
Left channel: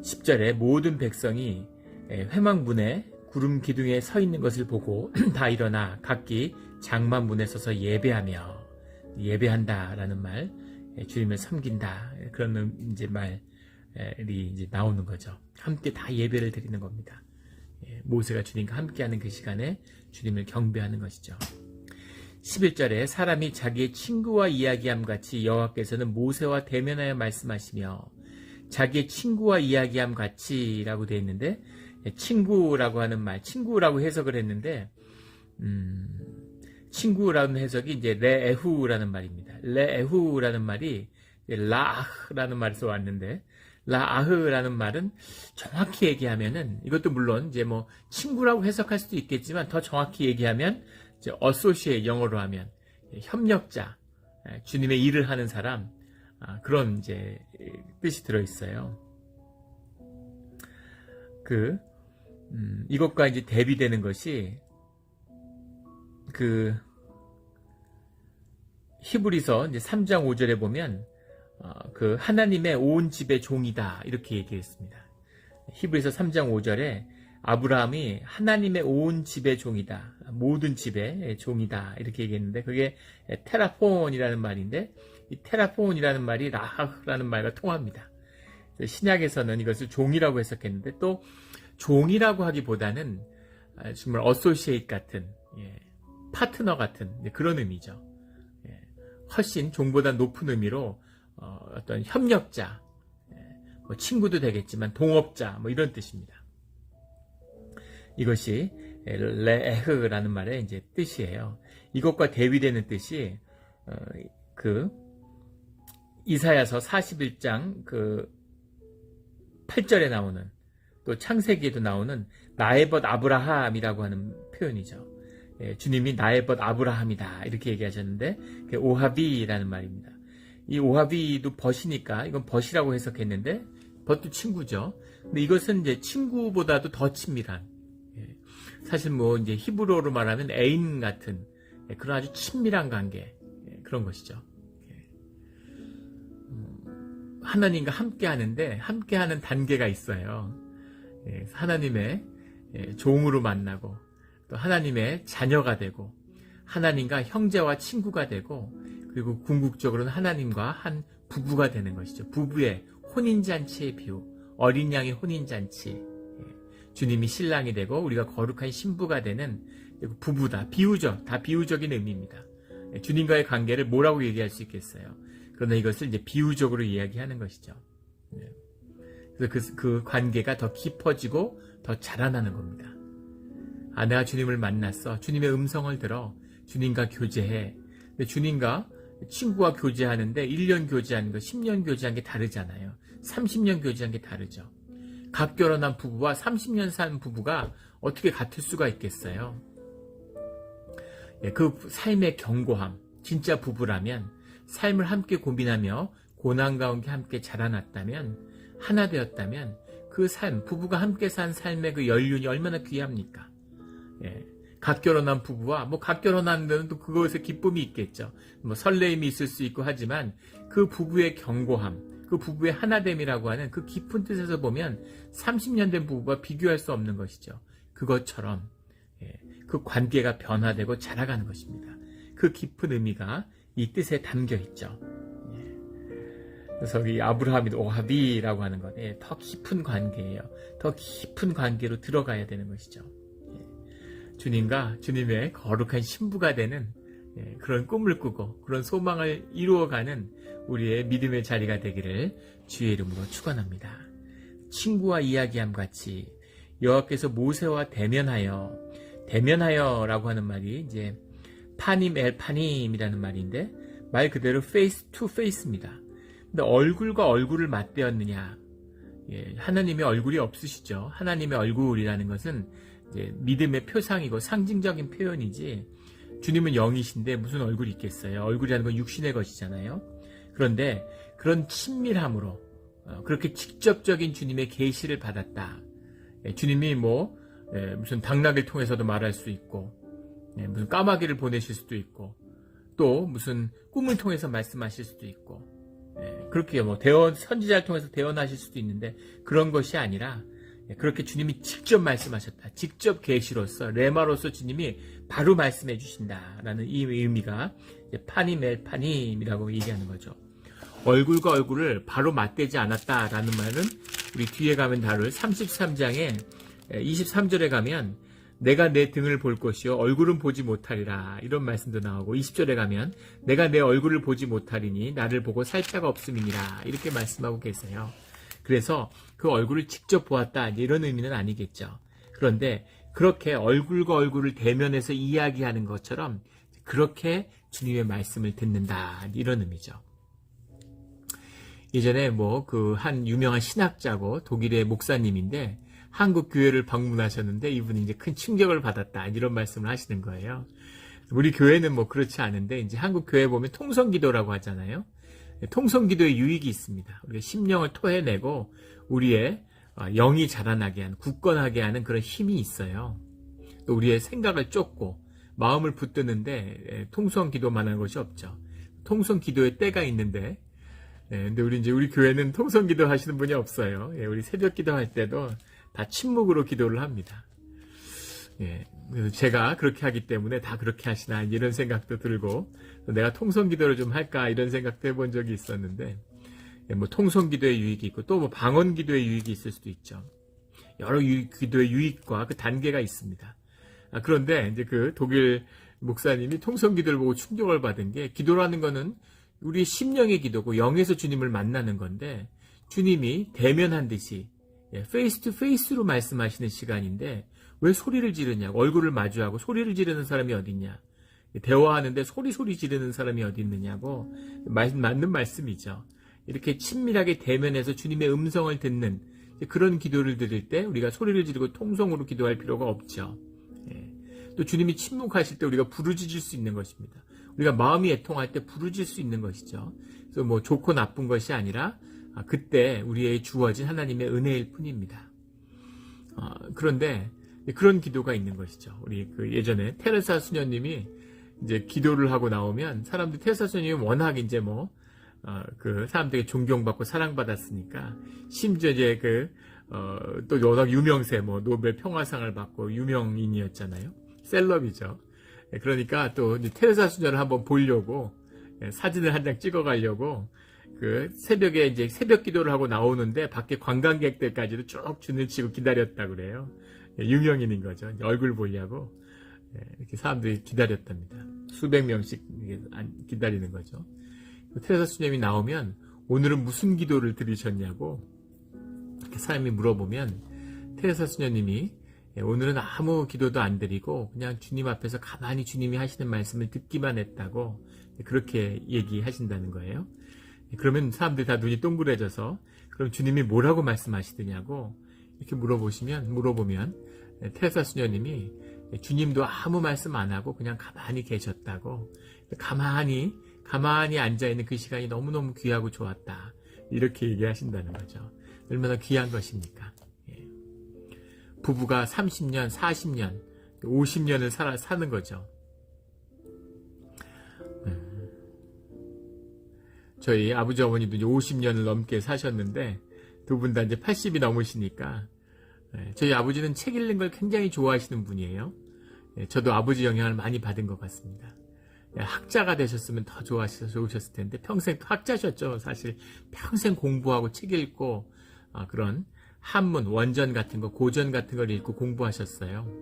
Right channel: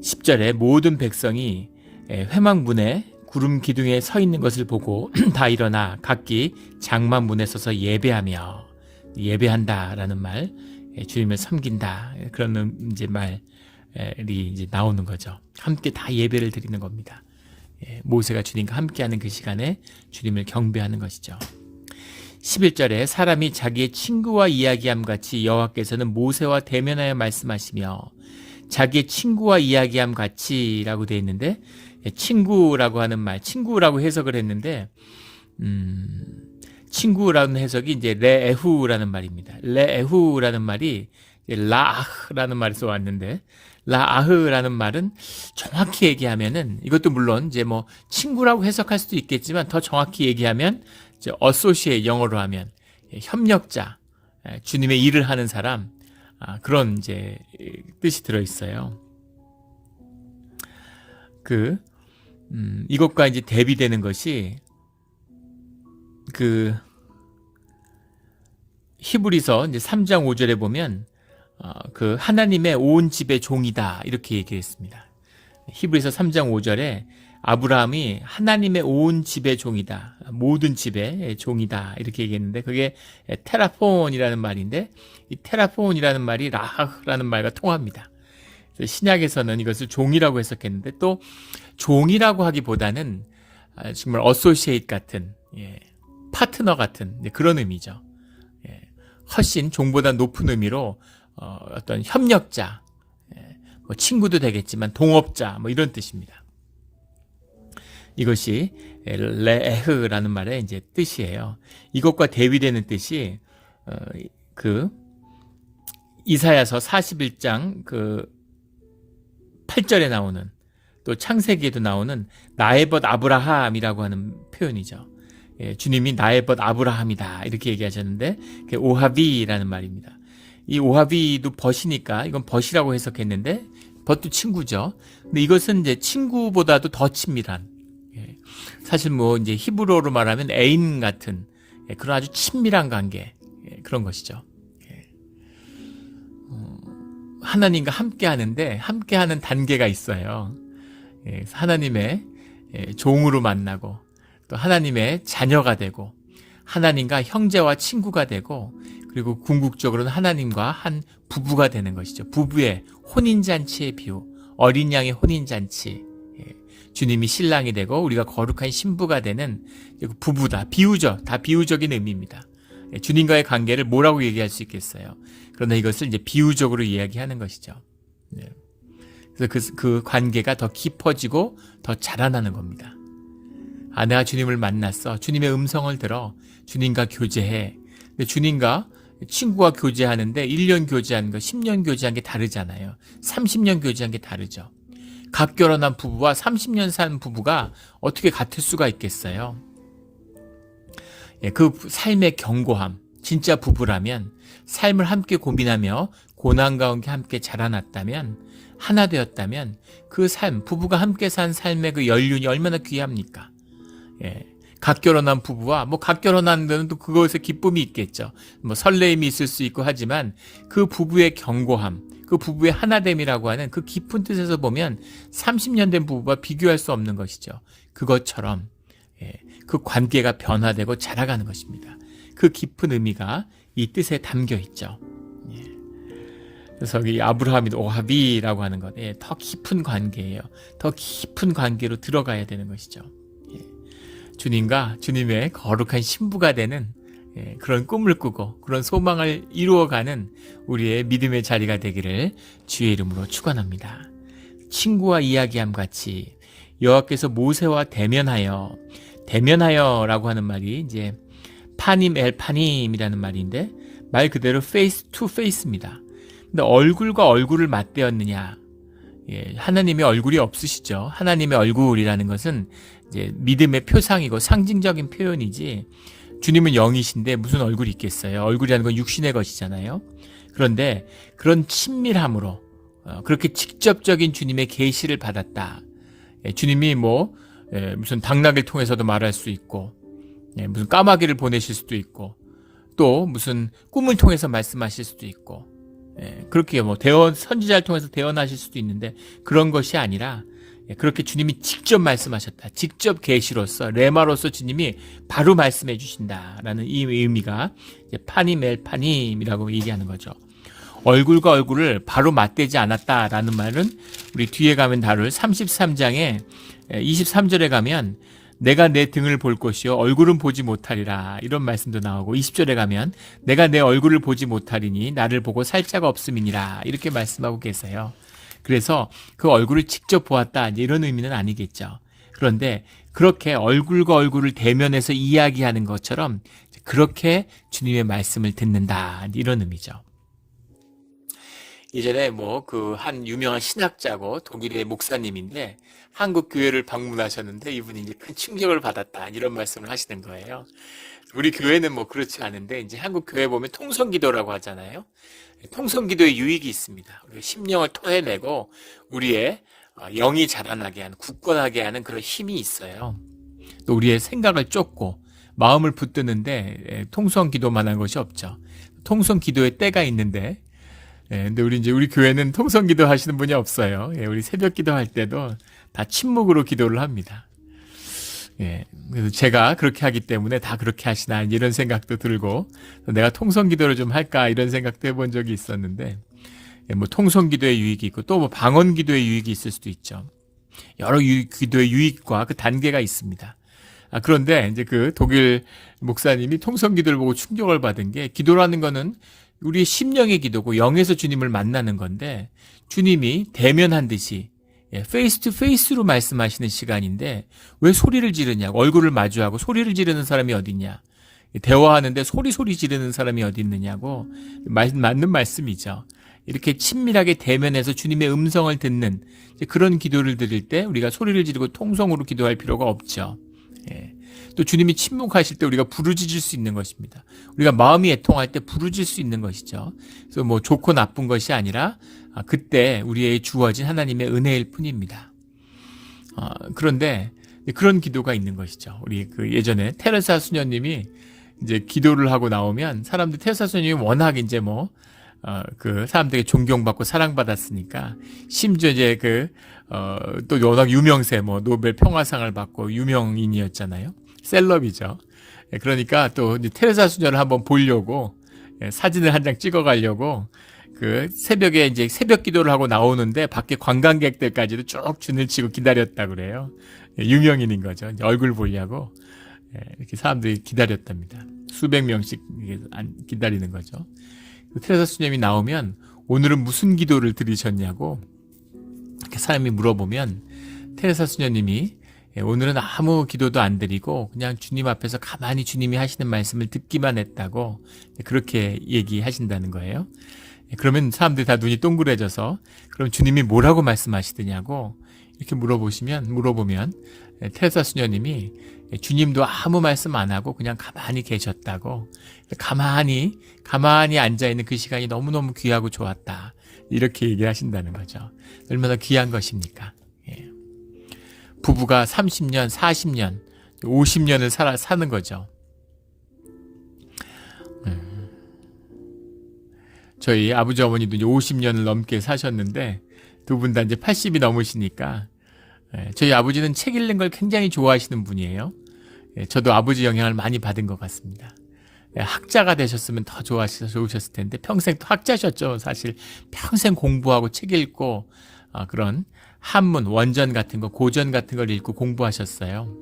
10절에 모든 백성이 회막 문에 구름 기둥에 서 있는 것을 보고 다 일어나 각기 장막 문에 서서 예배하며, 예배한다라는 말, 주님을 섬긴다, 그런 이제 말이 이제 나오는 거죠. 함께 다 예배를 드리는 겁니다. 모세가 주님과 함께하는 그 시간에 주님을 경배하는 것이죠. 11절에 사람이 자기의 친구와 이야기함 같이 여호와께서는 모세와 대면하여 말씀하시며, 자기의 친구와 이야기함 같이라고 되어 있는데, 친구라고 하는 말, 친구라고 해석을 했는데, 친구라는 해석이 이제 레에후라는 말입니다. 레에후라는 말이 라아흐라는 말에서 왔는데, 라아흐라는 말은 정확히 얘기하면은, 이것도 물론 이제 뭐 친구라고 해석할 수도 있겠지만 더 정확히 얘기하면 이제 associate, 영어로 하면 협력자, 주님의 일을 하는 사람, 그런 이제 뜻이 들어 있어요. 이것과 이제 대비되는 것이 히브리서 이제 3장 5절에 보면 하나님의 온 집의 종이다, 이렇게 얘기했습니다. 히브리서 3장 5절에 아브라함이 하나님의 온 집의 종이다, 모든 집의 종이다, 이렇게 얘기했는데, 그게 테라폰이라는 말인데, 이 테라폰이라는 말이 라하라는 말과 통합니다. 신약에서는 이것을 종이라고 해석했는데, 또 종이라고 하기보다는 정말 어소시에이트 같은, 파트너 같은 그런 의미죠. 훨씬 종보다 높은 의미로 어떤 협력자, 뭐 친구도 되겠지만 동업자, 뭐 이런 뜻입니다. 이것이 레에흐라는 말의 이제 뜻이에요. 이것과 대비되는 뜻이 이사야서 41장 8절에 나오는, 또 창세기에도 나오는 나의 벗 아브라함이라고 하는 표현이죠. 주님이 나의 벗 아브라함이다, 이렇게 얘기하셨는데, 그게 오하비라는 말입니다. 이 오하비도 벗이니까 이건 벗이라고 해석했는데, 벗도 친구죠. 근데 이것은 이제 친구보다도 더 친밀한, 사실 뭐 이제 히브리어로 말하면 애인 같은 그런 아주 친밀한 관계, 그런 것이죠. 하나님과 함께 하는데, 함께 하는 단계가 있어요. 하나님의 종으로 만나고, 또 하나님의 자녀가 되고, 하나님과 형제와 친구가 되고, 그리고 궁극적으로는 하나님과 한 부부가 되는 것이죠. 부부의 혼인잔치의 비유, 어린 양의 혼인잔치, 주님이 신랑이 되고 우리가 거룩한 신부가 되는 부부다. 비유적, 다 비유적인 의미입니다. 주님과의 관계를 뭐라고 얘기할 수 있겠어요? 그러나 이것을 이제 비유적으로 이야기하는 것이죠. 그래서 그 관계가 더 깊어지고 더 자라나는 겁니다. 내가 주님을 만났어. 주님의 음성을 들어. 주님과 교제해. 근데 주님과 친구와 교제하는데 1년 교제하는 거, 10년 교제한 게 다르잖아요. 30년 교제한 게 다르죠. 갓 결혼한 부부와 30년 산 부부가 어떻게 같을 수가 있겠어요? 그 삶의 견고함, 진짜 부부라면, 삶을 함께 고민하며 고난 가운데 함께 자라났다면, 하나 되었다면, 그 삶, 부부가 함께 산 삶의 그 연륜이 얼마나 귀합니까? 갓 결혼한 부부와, 갓 결혼한 데는 또 그것에 기쁨이 있겠죠. 설레임이 있을 수 있고 하지만, 그 부부의 견고함, 그 부부의 하나됨이라고 하는 그 깊은 뜻에서 보면 30년 된 부부와 비교할 수 없는 것이죠. 그것처럼 그 관계가 변화되고 자라가는 것입니다. 그 깊은 의미가 이 뜻에 담겨 있죠. 그래서 이 아브라함이 오하비라고 하는 것, 더 깊은 관계예요. 더 깊은 관계로 들어가야 되는 것이죠. 주님과 주님의 거룩한 신부가 되는 그런 꿈을 꾸고 그런 소망을 이루어가는 우리의 믿음의 자리가 되기를 주의 이름으로 축원합니다. 친구와 이야기함 같이 여호와께서 모세와 대면하여라고 하는 말이 이제 파님 엘 파님이라는 말인데 말 그대로 페이스 투 페이스입니다. 근데 얼굴과 얼굴을 맞대었느냐? 하나님의 얼굴이 없으시죠. 하나님의 얼굴이라는 것은 이제 믿음의 표상이고 상징적인 표현이지 주님은 영이신데 무슨 얼굴이 있겠어요. 얼굴이라는 건 육신의 것이잖아요. 그런데 그런 친밀함으로 그렇게 직접적인 주님의 계시를 받았다. 주님이 무슨 당나귀를 통해서도 말할 수 있고 무슨 까마귀를 보내실 수도 있고 또 무슨 꿈을 통해서 말씀하실 수도 있고 그렇게 선지자를 통해서 대언하실 수도 있는데 그런 것이 아니라 그렇게 주님이 직접 말씀하셨다. 직접 계시로서 레마로서 주님이 바로 말씀해 주신다라는 이 의미가 파님 엘 파님이라고 얘기하는 거죠. 얼굴과 얼굴을 바로 맞대지 않았다라는 말은 우리 뒤에 가면 다룰 33장에 23절에 가면 내가 내 등을 볼 것이요 얼굴은 보지 못하리라 이런 말씀도 나오고 20절에 가면 내가 내 얼굴을 보지 못하리니 나를 보고 살 자가 없음이니라 이렇게 말씀하고 계세요. 그래서 그 얼굴을 직접 보았다 이런 의미는 아니겠죠. 그런데 그렇게 얼굴과 얼굴을 대면해서 이야기하는 것처럼 그렇게 주님의 말씀을 듣는다 이런 의미죠. 예전에 한 유명한 신학자고 독일의 목사님인데 한국 교회를 방문하셨는데 이분이 이제 큰 충격을 받았다 이런 말씀을 하시는 거예요. 우리 교회는 그렇지 않은데 이제 한국 교회 보면 통성기도라고 하잖아요. 통성기도의 유익이 있습니다. 우리가 심령을 토해내고 우리의 영이 자라나게 하는 굳건하게 하는 그런 힘이 있어요. 또 우리의 생각을 쫓고 마음을 붙드는데 통성기도만한 것이 없죠. 통성기도의 때가 있는데 근데 우리 교회는 통성기도 하시는 분이 없어요. 우리 새벽기도 할 때도 다 침묵으로 기도를 합니다. 그래서 제가 그렇게 하기 때문에 다 그렇게 하시나 이런 생각도 들고 내가 통성기도를 좀 할까 이런 생각도 해본 적이 있었는데 통성기도의 유익이 있고 또 방언기도의 유익이 있을 수도 있죠. 여러 기도의 유익과 그 단계가 있습니다. 그런데 이제 그 독일 목사님이 통성기도를 보고 충격을 받은 게 기도라는 거는 우리의 심령의 기도고 영에서 주님을 만나는 건데 주님이 대면한 듯이 페이스 투 페이스로 말씀하시는 시간인데 왜 소리를 지르냐고 얼굴을 마주하고 소리를 지르는 사람이 어딨냐 대화하는데 소리 지르는 사람이 어디 있느냐고 맞는 말씀이죠. 이렇게 친밀하게 대면해서 주님의 음성을 듣는 그런 기도를 드릴 때 우리가 소리를 지르고 통성으로 기도할 필요가 없죠. 또 주님이 침묵하실 때 우리가 부르짖을 수 있는 것입니다. 우리가 마음이 애통할 때 부르짖을 수 있는 것이죠. 그래서 좋고 나쁜 것이 아니라 그때 우리에게 주어진 하나님의 은혜일 뿐입니다. 그런데 그런 기도가 있는 것이죠. 우리 예전에 테레사 수녀님이 이제 기도를 하고 나오면 사람들 테레사 수녀님이 워낙 이제 그 사람들에게 존경받고 사랑받았으니까 심지어 이제 또 워낙 유명세 노벨 평화상을 받고 유명인이었잖아요. 셀럽이죠. 그러니까 또 테레사 수녀를 한번 보려고 사진을 한 장 찍어 가려고 그 새벽에 이제 새벽 기도를 하고 나오는데 밖에 관광객들까지도 쭉 줄을 치고 기다렸다 그래요. 유명인인 거죠. 이제 얼굴 보려고 이렇게 사람들이 기다렸답니다. 수백 명씩 기다리는 거죠. 테레사 수녀님이 나오면 오늘은 무슨 기도를 드리셨냐고 이렇게 사람이 물어보면 테레사 수녀님이 오늘은 아무 기도도 안 드리고 그냥 주님 앞에서 가만히 주님이 하시는 말씀을 듣기만 했다고 그렇게 얘기하신다는 거예요. 그러면 사람들이 다 눈이 동그래져서 그럼 주님이 뭐라고 말씀하시더냐고 이렇게 물어보면 테레사 수녀님이 주님도 아무 말씀 안 하고 그냥 가만히 계셨다고 가만히 앉아있는 그 시간이 너무너무 귀하고 좋았다 이렇게 얘기하신다는 거죠. 얼마나 귀한 것입니까? 부부가 30년, 40년, 50년을 사는 거죠. 저희 아버지 어머니도 이제 50년을 넘게 사셨는데 두 분 다 이제 80이 넘으시니까 저희 아버지는 책 읽는 걸 굉장히 좋아하시는 분이에요. 저도 아버지 영향을 많이 받은 것 같습니다. 학자가 되셨으면 더 좋으셨을 텐데 평생 또 학자셨죠. 사실 평생 공부하고 책 읽고 그런 한문, 원전 같은 거, 고전 같은 걸 읽고 공부하셨어요.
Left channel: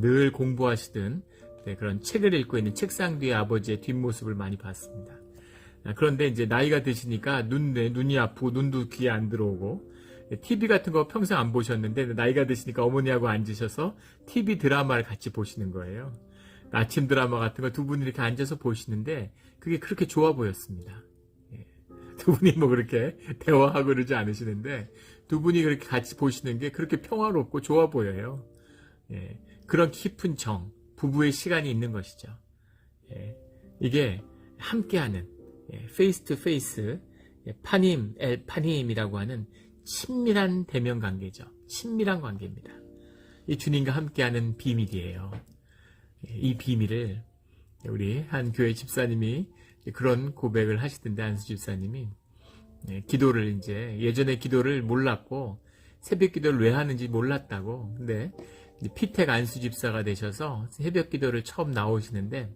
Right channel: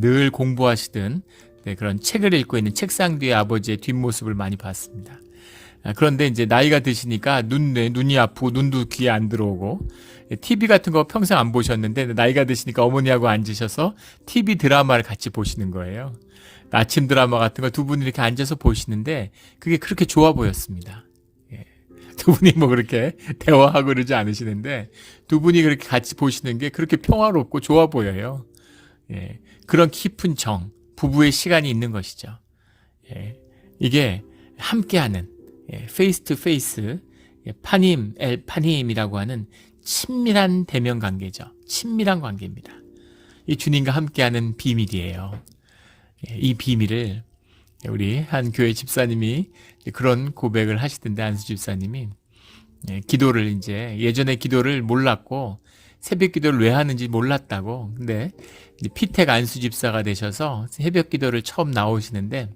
늘 공부하시던 네, 그런 책을 읽고 있는 책상 뒤에 아버지의 뒷모습을 많이 봤습니다. 그런데 이제 나이가 드시니까 눈이 아프고 눈도 귀에 안 들어오고 TV 같은 거 평생 안 보셨는데 나이가 드시니까 어머니하고 앉으셔서 TV 드라마를 같이 보시는 거예요. 아침 드라마 같은 거 두 분이 이렇게 앉아서 보시는데 그게 그렇게 좋아 보였습니다. 예. 두 분이 뭐 그렇게 대화하고 그러지 않으시는데 두 분이 그렇게 같이 보시는 게 그렇게 평화롭고 좋아 보여요. 예. 그런 깊은 정, 부부의 시간이 있는 것이죠. 예. 이게 함께하는 페이스 투 페이스, 파님 엘 파님이라고 하는 친밀한 대면 관계죠. 친밀한 관계입니다. 이 주님과 함께하는 비밀이에요. 이 비밀을 우리 한 교회 집사님이 그런 고백을 하시던데, 안수 집사님이 기도를 이제 예전에 기도를 몰랐고 새벽 기도를 왜 하는지 몰랐다고. 근데 피택 안수 집사가 되셔서 새벽 기도를 처음 나오시는데,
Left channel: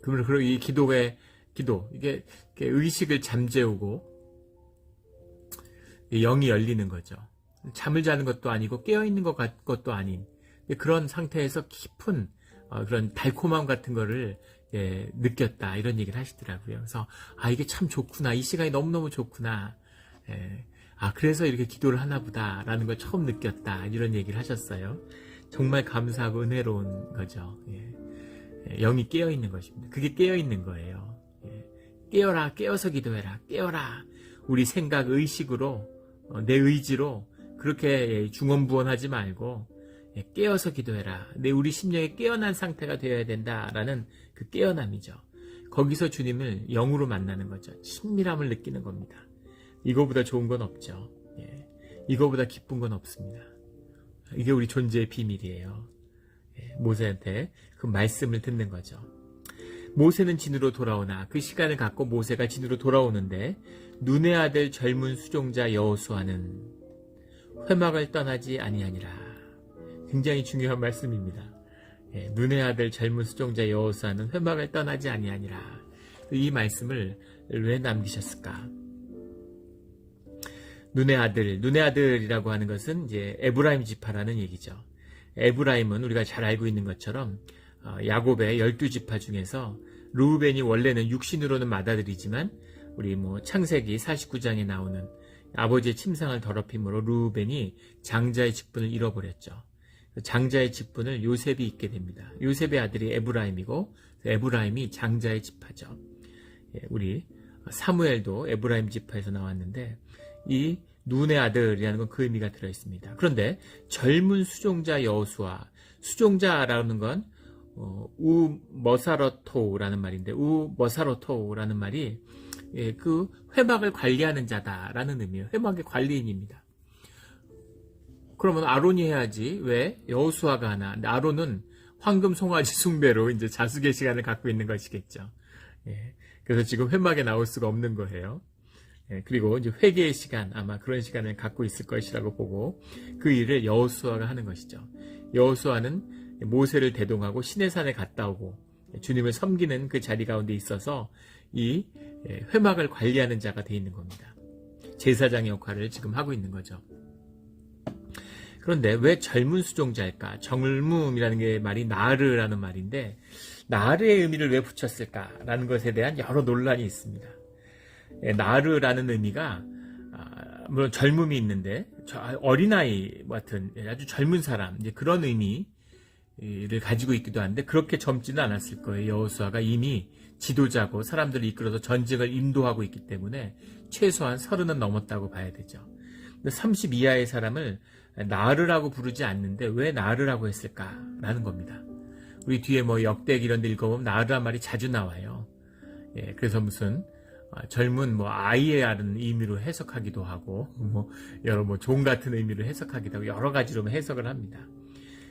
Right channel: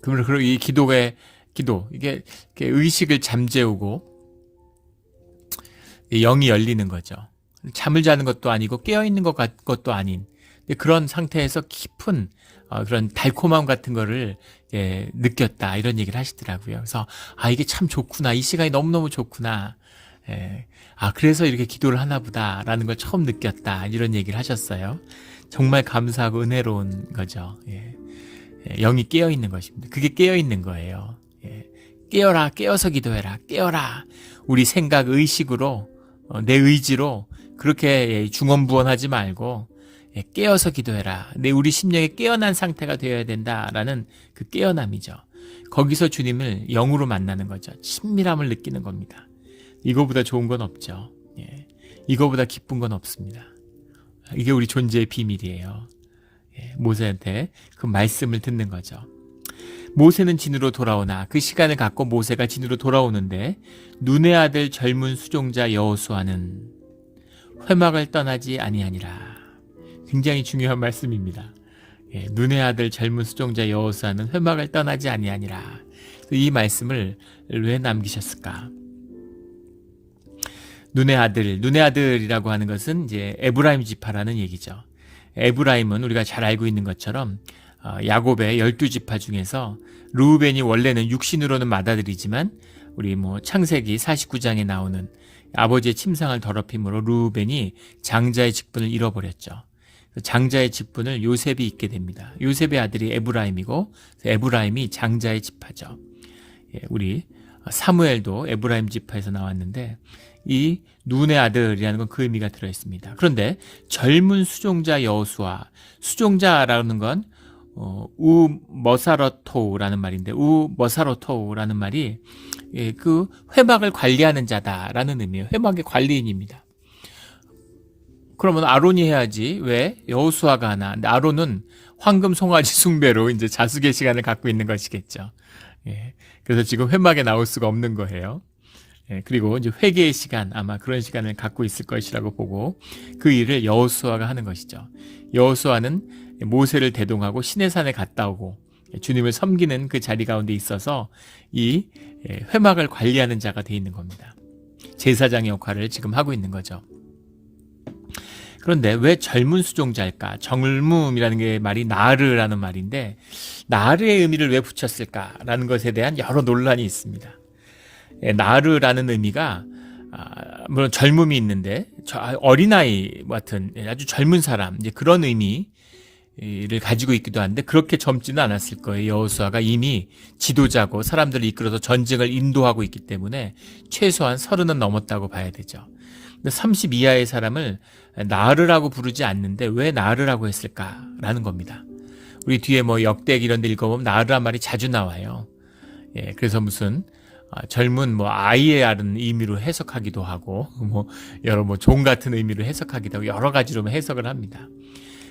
그리고 이 기도 이게 의식을 잠재우고 영이 열리는 거죠. 잠을 자는 것도 아니고 깨어 있는 것도 아닌 그런 상태에서 깊은 그런 달콤함 같은 거를 느꼈다, 이런 얘기를 하시더라고요. 그래서 이게 참 좋구나, 이 시간이 너무너무 좋구나, 그래서 이렇게 기도를 하나 보다라는 걸 처음 느꼈다, 이런 얘기를 하셨어요. 정말 감사하고 은혜로운 거죠. 영이 깨어 있는 것입니다. 그게 깨어 있는 거예요. 깨어라, 깨어서 기도해라, 깨어라. 우리 생각, 의식으로, 내 의지로 그렇게 중언부언하지 말고 깨어서 기도해라. 우리 심령이 깨어난 상태가 되어야 된다라는 그 깨어남이죠. 거기서 주님을 영으로 만나는 거죠. 친밀함을 느끼는 겁니다. 이거보다 좋은 건 없죠. 이거보다 기쁜 건 없습니다. 이게 우리 존재의 비밀이에요. 모세한테 그 말씀을 듣는 거죠. 모세는 진으로 돌아오나 그 시간을 갖고 모세가 진으로 돌아오는데 눈의 아들 젊은 수종자 여호수아는 회막을 떠나지 아니하니라. 굉장히 중요한 말씀입니다. 눈의 아들 젊은 수종자 여호수아는 회막을 떠나지 아니하니라. 이 말씀을 왜 남기셨을까? 눈의 아들이라고 하는 것은 이제 에브라임 지파라는 얘기죠. 에브라임은 우리가 잘 알고 있는 것처럼 야곱의 12지파 중에서 르우벤이 원래는 육신으로는 맏아들이지만 우리 창세기 49장에 나오는 아버지의 침상을 더럽힘으로 르우벤이 장자의 직분을 잃어버렸죠. 장자의 직분을 요셉이 잇게 됩니다. 요셉의 아들이 에브라임이고 에브라임이 장자의 지파죠. 우리 사무엘도 에브라임 지파에서 나왔는데 이 눈의 아들이라는 건 그 의미가 들어있습니다. 그런데 젊은 수종자 여호수아, 수종자라는 건 우머사로토라는 말인데, 우머사로토라는 말이 그 회막을 관리하는 자다라는 의미예요. 회막의 관리인입니다. 그러면 아론이 해야지 왜 여호수아가 하나? 아론은 황금 송아지 숭배로 이제 자숙의 시간을 갖고 있는 것이겠죠. 그래서 지금 회막에 나올 수가 없는 거예요. 그리고 이제 회개의 시간, 아마 그런 시간을 갖고 있을 것이라고 보고 그 일을 여호수아가 하는 것이죠. 여호수아는 모세를 대동하고 시내산에 갔다 오고 주님을 섬기는 그 자리 가운데 있어서 이 회막을 관리하는 자가 되어 있는 겁니다. 제사장의 역할을 지금 하고 있는 거죠. 그런데 왜 젊은 수종자일까? 젊음이라는 게 말이 나르라는 말인데 나르의 의미를 왜 붙였을까라는 것에 대한 여러 논란이 있습니다. 나르라는 의미가 물론 젊음이 있는데 어린아이 같은 아주 젊은 사람, 이제 그런 의미를 가지고 있기도 한데 그렇게 젊지는 않았을 거예요. 여호수아가 이미 지도자고 사람들을 이끌어서 전쟁을 인도하고 있기 때문에 최소한 30은 넘었다고 봐야 되죠. 근데 30 이하의 사람을 나르라고 부르지 않는데 왜 나르라고 했을까라는 겁니다. 우리 뒤에 역대기 이런 데 읽어보면 나르란 말이 자주 나와요. 그래서 무슨 젊은 아이의 아는 의미로 해석하기도 하고 여러 종 같은 의미로 해석하기도 하고 여러 가지로 해석을 합니다.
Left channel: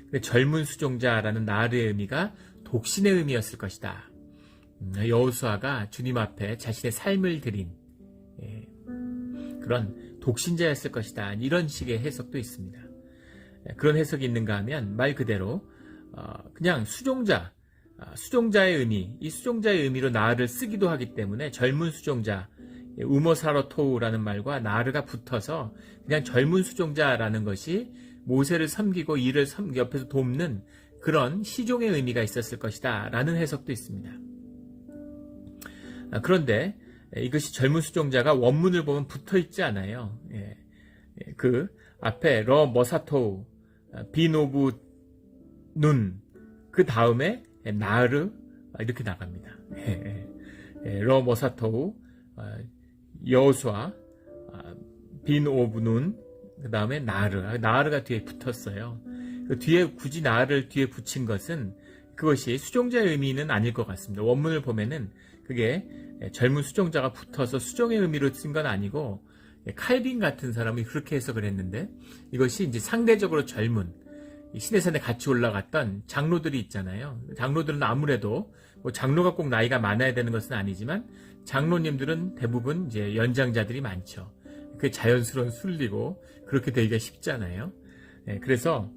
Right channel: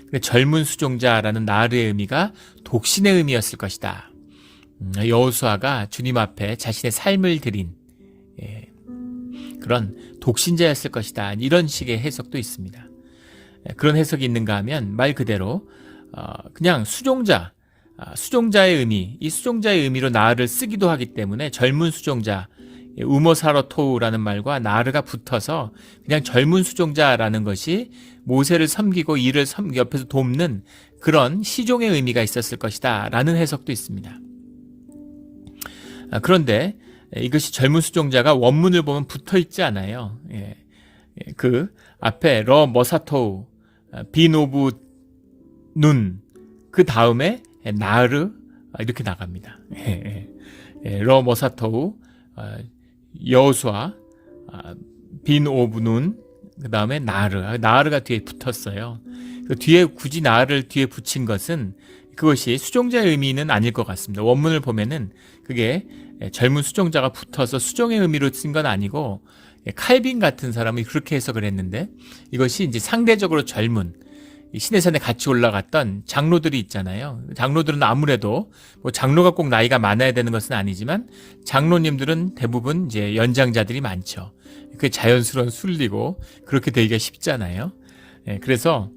근데 젊은 수종자라는 나르의 의미가 독신의 의미였을 것이다. 여호수아가 주님 앞에 자신의 삶을 드린 그런 독신자였을 것이다. 이런 식의 해석도 있습니다. 그런 해석이 있는가 하면 말 그대로 그냥 수종자의 의미, 이 수종자의 의미로 나르를 쓰기도 하기 때문에 젊은 수종자, 우모사로토우라는 말과 나르가 붙어서 그냥 젊은 수종자라는 것이 모세를 섬기고 이를 옆에서 돕는 그런 시종의 의미가 있었을 것이다 라는 해석도 있습니다. 그런데 이것이 젊은 수종자가 원문을 보면 붙어 있지 않아요. 그 앞에 러 머사토우 빈 오브 눈 그 다음에 나르 이렇게 나갑니다. 러 머사토우 여호수아 빈 오브 눈 그 다음에 나르가 뒤에 붙었어요. 그 뒤에 굳이 나르를 뒤에 붙인 것은 그것이 수종자의 의미는 아닐 것 같습니다. 원문을 보면은 그게 젊은 수종자가 붙어서 수종의 의미로 쓴 건 아니고 칼빈 같은 사람이 그렇게 해석을 했는데 이것이 이제 상대적으로 젊은 시내산에 같이 올라갔던 장로들이 있잖아요. 장로들은 아무래도 뭐 장로가 꼭 나이가 많아야 되는 것은 아니지만 장로님들은 대부분 이제 연장자들이 많죠. 그게 자연스러운 순리고 그렇게 되기가 쉽잖아요. 그래서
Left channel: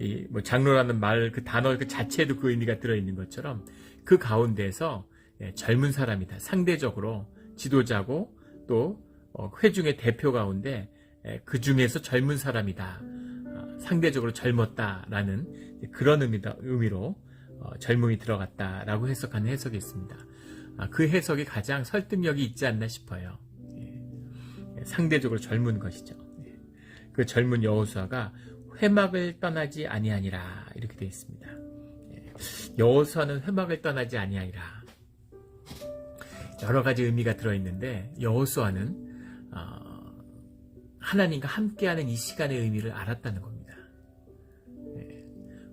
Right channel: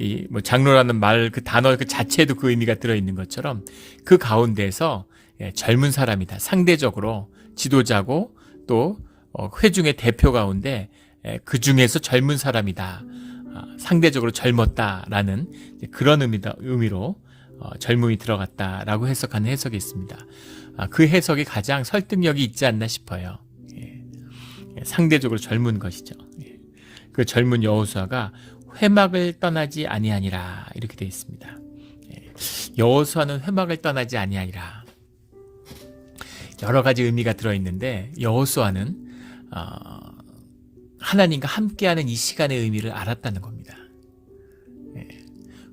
이 뭐 장로라는 말 그 단어 그 자체에도 그 의미가 들어 있는 것처럼 그 가운데서 젊은 사람이다. 상대적으로 지도자고 또 회중의 대표 가운데 그 중에서 젊은 사람이다. 상대적으로 젊었다라는 그런 의미로 젊음이 들어갔다라고 해석하는 해석이 있습니다. 그 해석이 가장 설득력이 있지 않나 싶어요. 상대적으로 젊은 것이죠. 그 젊은 여호수아가 회막을 떠나지 아니하니라 이렇게 되어 있습니다. 여호수아는 회막을 떠나지 아니하니라. 여러 가지 의미가 들어있는데 여호수아는 하나님과 함께하는 이 시간의 의미를 알았다는 겁니다.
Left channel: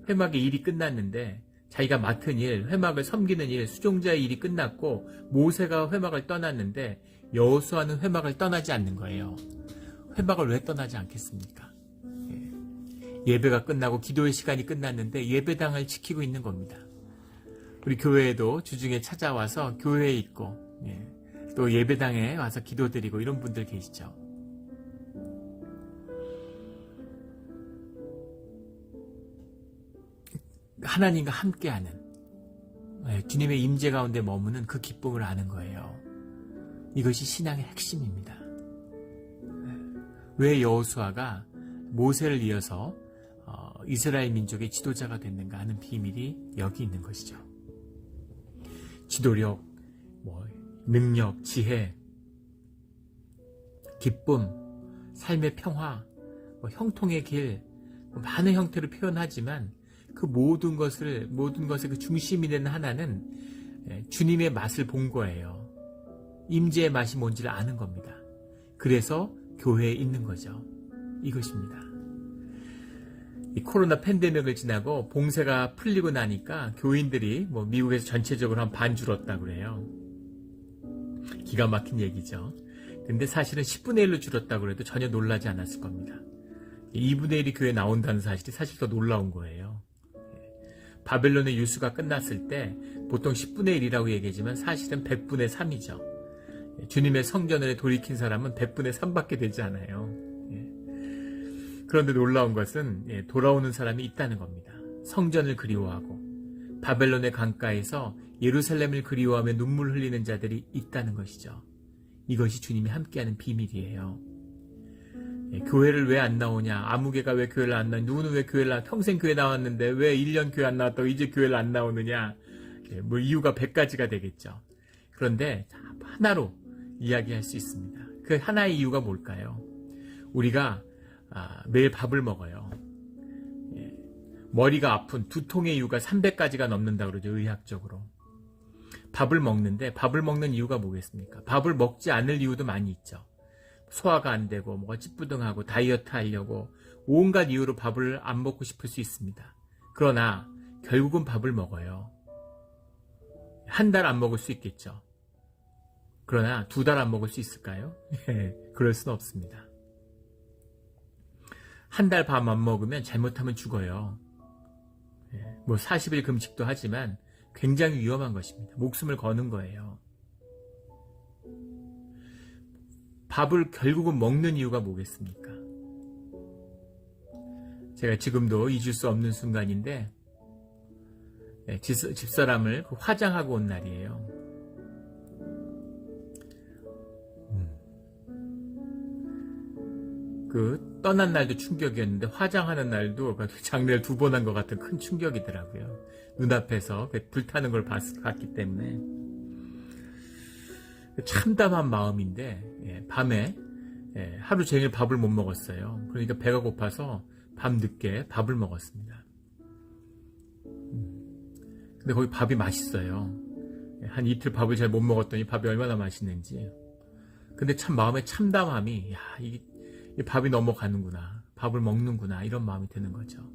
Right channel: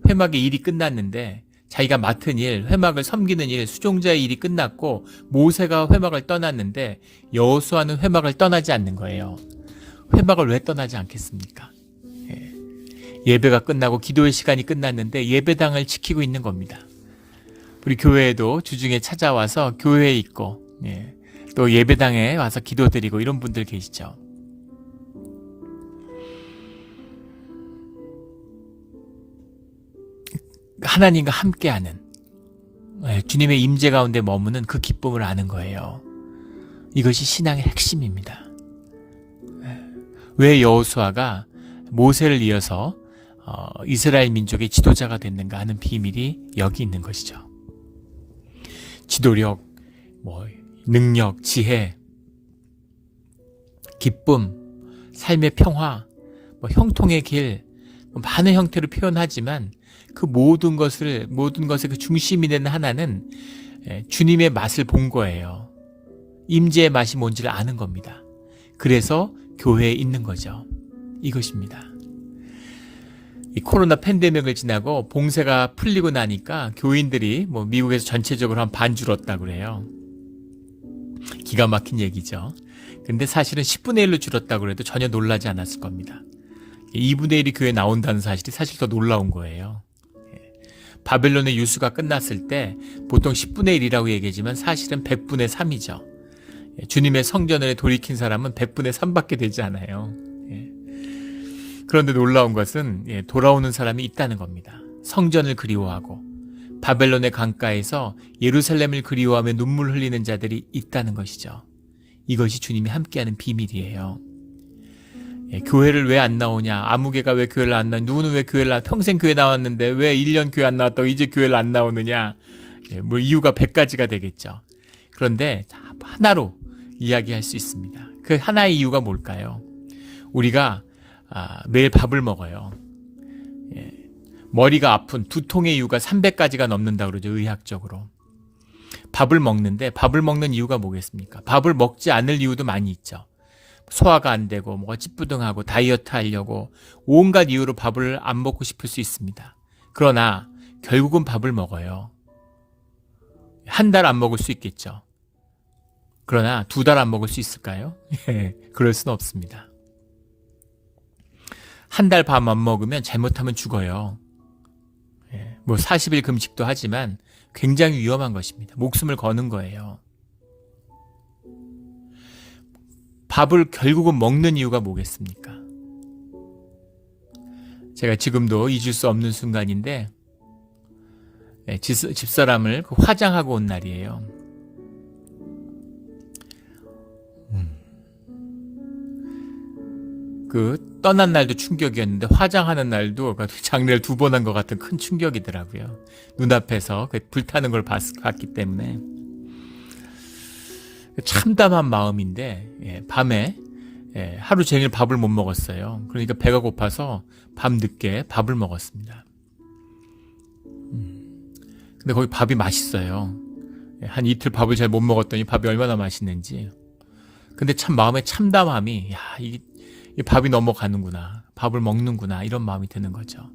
회막의 일이 끝났는데 자기가 맡은 일, 회막을 섬기는 일, 수종자의 일이 끝났고 모세가 회막을 떠났는데 여호수아는 회막을 떠나지 않는 거예요. 회막을 왜 떠나지 않겠습니까? 예배가 끝나고 기도의 시간이 끝났는데 예배당을 지키고 있는 겁니다. 우리 교회에도 주중에 찾아와서 교회에 있고 또 예배당에 와서 기도드리고 이런 분들 계시죠. 하나님과 함께하는 주님의 임재 가운데 머무는 그 기쁨을 아는 거예요. 이것이 신앙의 핵심입니다. 왜 여호수아가 모세를 이어서 이스라엘 민족의 지도자가 됐는가 하는 비밀이 여기 있는 것이죠. 지도력, 능력, 지혜, 기쁨, 삶의 평화, 형통의 길, 많은 형태로 표현하지만 그 모든 것의 그 중심이 되는 하나는 주님의 맛을 본 거예요. 임재의 맛이 뭔지를 아는 겁니다. 그래서 교회에 있는 거죠. 이것입니다. 이 코로나 팬데믹을 지나고 봉쇄가 풀리고 나니까 교인들이 미국에서 전체적으로 한 반 줄었다고 그래요. 기가 막힌 얘기죠. 근데 사실은 10분의 1로 줄었다고 해도 전혀 놀라지 않았을 겁니다. 2분의 1이 교회에 나온다는 사실이 사실 더 놀라운 거예요. 바벨론의 유수가 끝났을 때 보통 10분의 1이라고 얘기하지만 사실은 100분의 3이죠. 주님의 성전을 돌이킨 사람은 100분의 3밖에 되지 않아요. 그런데 놀라운 것은 돌아오는 사람이 있다는 겁니다. 성전을 그리워하고 바벨론의 강가에서 예루살렘을 그리워하며 눈물 흘리는 자들이 있다는 것이죠. 이것이 주님이 함께하는 비밀이에요. 교회를 왜 안 나오냐? 아무개가 왜 교회를 안 나오냐? 누구는 왜 교회를 평생 교회 나왔는데 왜 1년 교회 안 나왔다고 이제 교회를 안 나오느냐? 이유가 100가지가 되겠죠. 그런데 하나로 이야기할 수 있습니다. 그 하나의 이유가 뭘까요? 우리가 매일 밥을 먹어요. 머리가 아픈 두통의 이유가 300가지가 넘는다고 그러죠. 의학적으로. 밥을 먹는데 밥을 먹는 이유가 뭐겠습니까? 밥을 먹지 않을 이유도 많이 있죠. 소화가 안 되고 찌뿌둥하고 다이어트 하려고 온갖 이유로 밥을 안 먹고 싶을 수 있습니다. 그러나 결국은 밥을 먹어요. 한 달 안 먹을 수 있겠죠. 그러나 2달 안 먹을 수 있을까요? 그럴 수는 없습니다. 한 달 밥 안 먹으면 잘못하면 죽어요. 40일 금식도 하지만 굉장히 위험한 것입니다. 목숨을 거는 거예요. 밥을 결국은 먹는 이유가 뭐겠습니까? 제가 지금도 잊을 수 없는 순간인데 집사람을 화장하고 온 날이에요. 그 떠난 날도 충격이었는데 화장하는 날도 장례를 2번 한 것 같은 큰 충격이더라고요. 눈앞에서 불타는 걸 봤기 때문에 참담한 마음인데 밤에 하루 종일 밥을 못 먹었어요. 그러니까 배가 고파서 밤 늦게 밥을 먹었습니다. 근데 거기 밥이 맛있어요. 한 이틀 밥을 잘 못 먹었더니 밥이 얼마나 맛있는지. 근데 참 마음에 참담함이 이 밥이 넘어가는구나, 밥을 먹는구나, 이런 마음이 드는 거죠.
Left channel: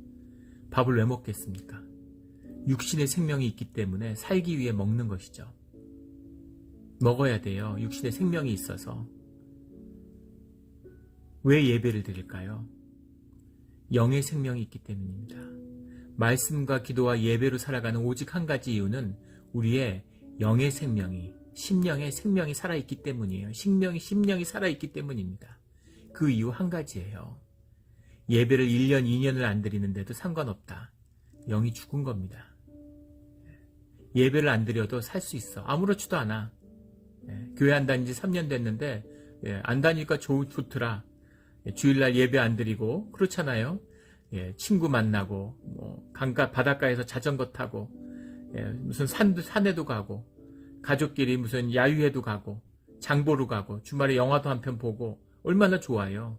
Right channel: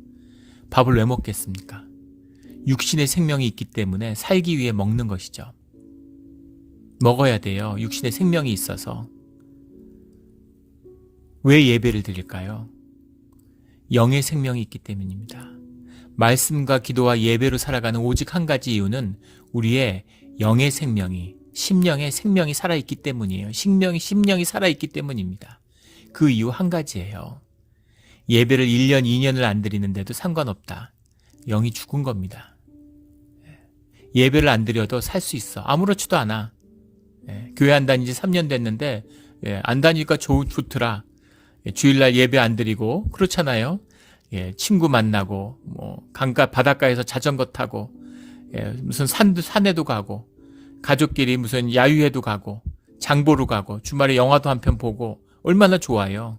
밥을 왜 먹겠습니까? 육신의 생명이 있기 때문에 살기 위해 먹는 것이죠. 먹어야 돼요. 육신의 생명이 있어서. 왜 예배를 드릴까요? 영의 생명이 있기 때문입니다. 말씀과 기도와 예배로 살아가는 오직 한 가지 이유는 우리의 영의 생명이, 심령의 생명이 살아있기 때문이에요. 심령이 살아있기 때문입니다. 그 이유 한 가지예요. 예배를 1년, 2년을 안 드리는데도 상관없다. 영이 죽은 겁니다. 예배를 안 드려도 살 수 있어. 아무렇지도 않아. 교회 안 다닌 지 3년 됐는데 안 다니니까 좋더라. 주일날 예배 안 드리고 그렇잖아요. 친구 만나고 뭐 강가 바닷가에서 자전거 타고 무슨 산에도 가고 가족끼리 무슨 야유회도 가고 장보러 가고 주말에 영화도 한 편 보고 얼마나 좋아요.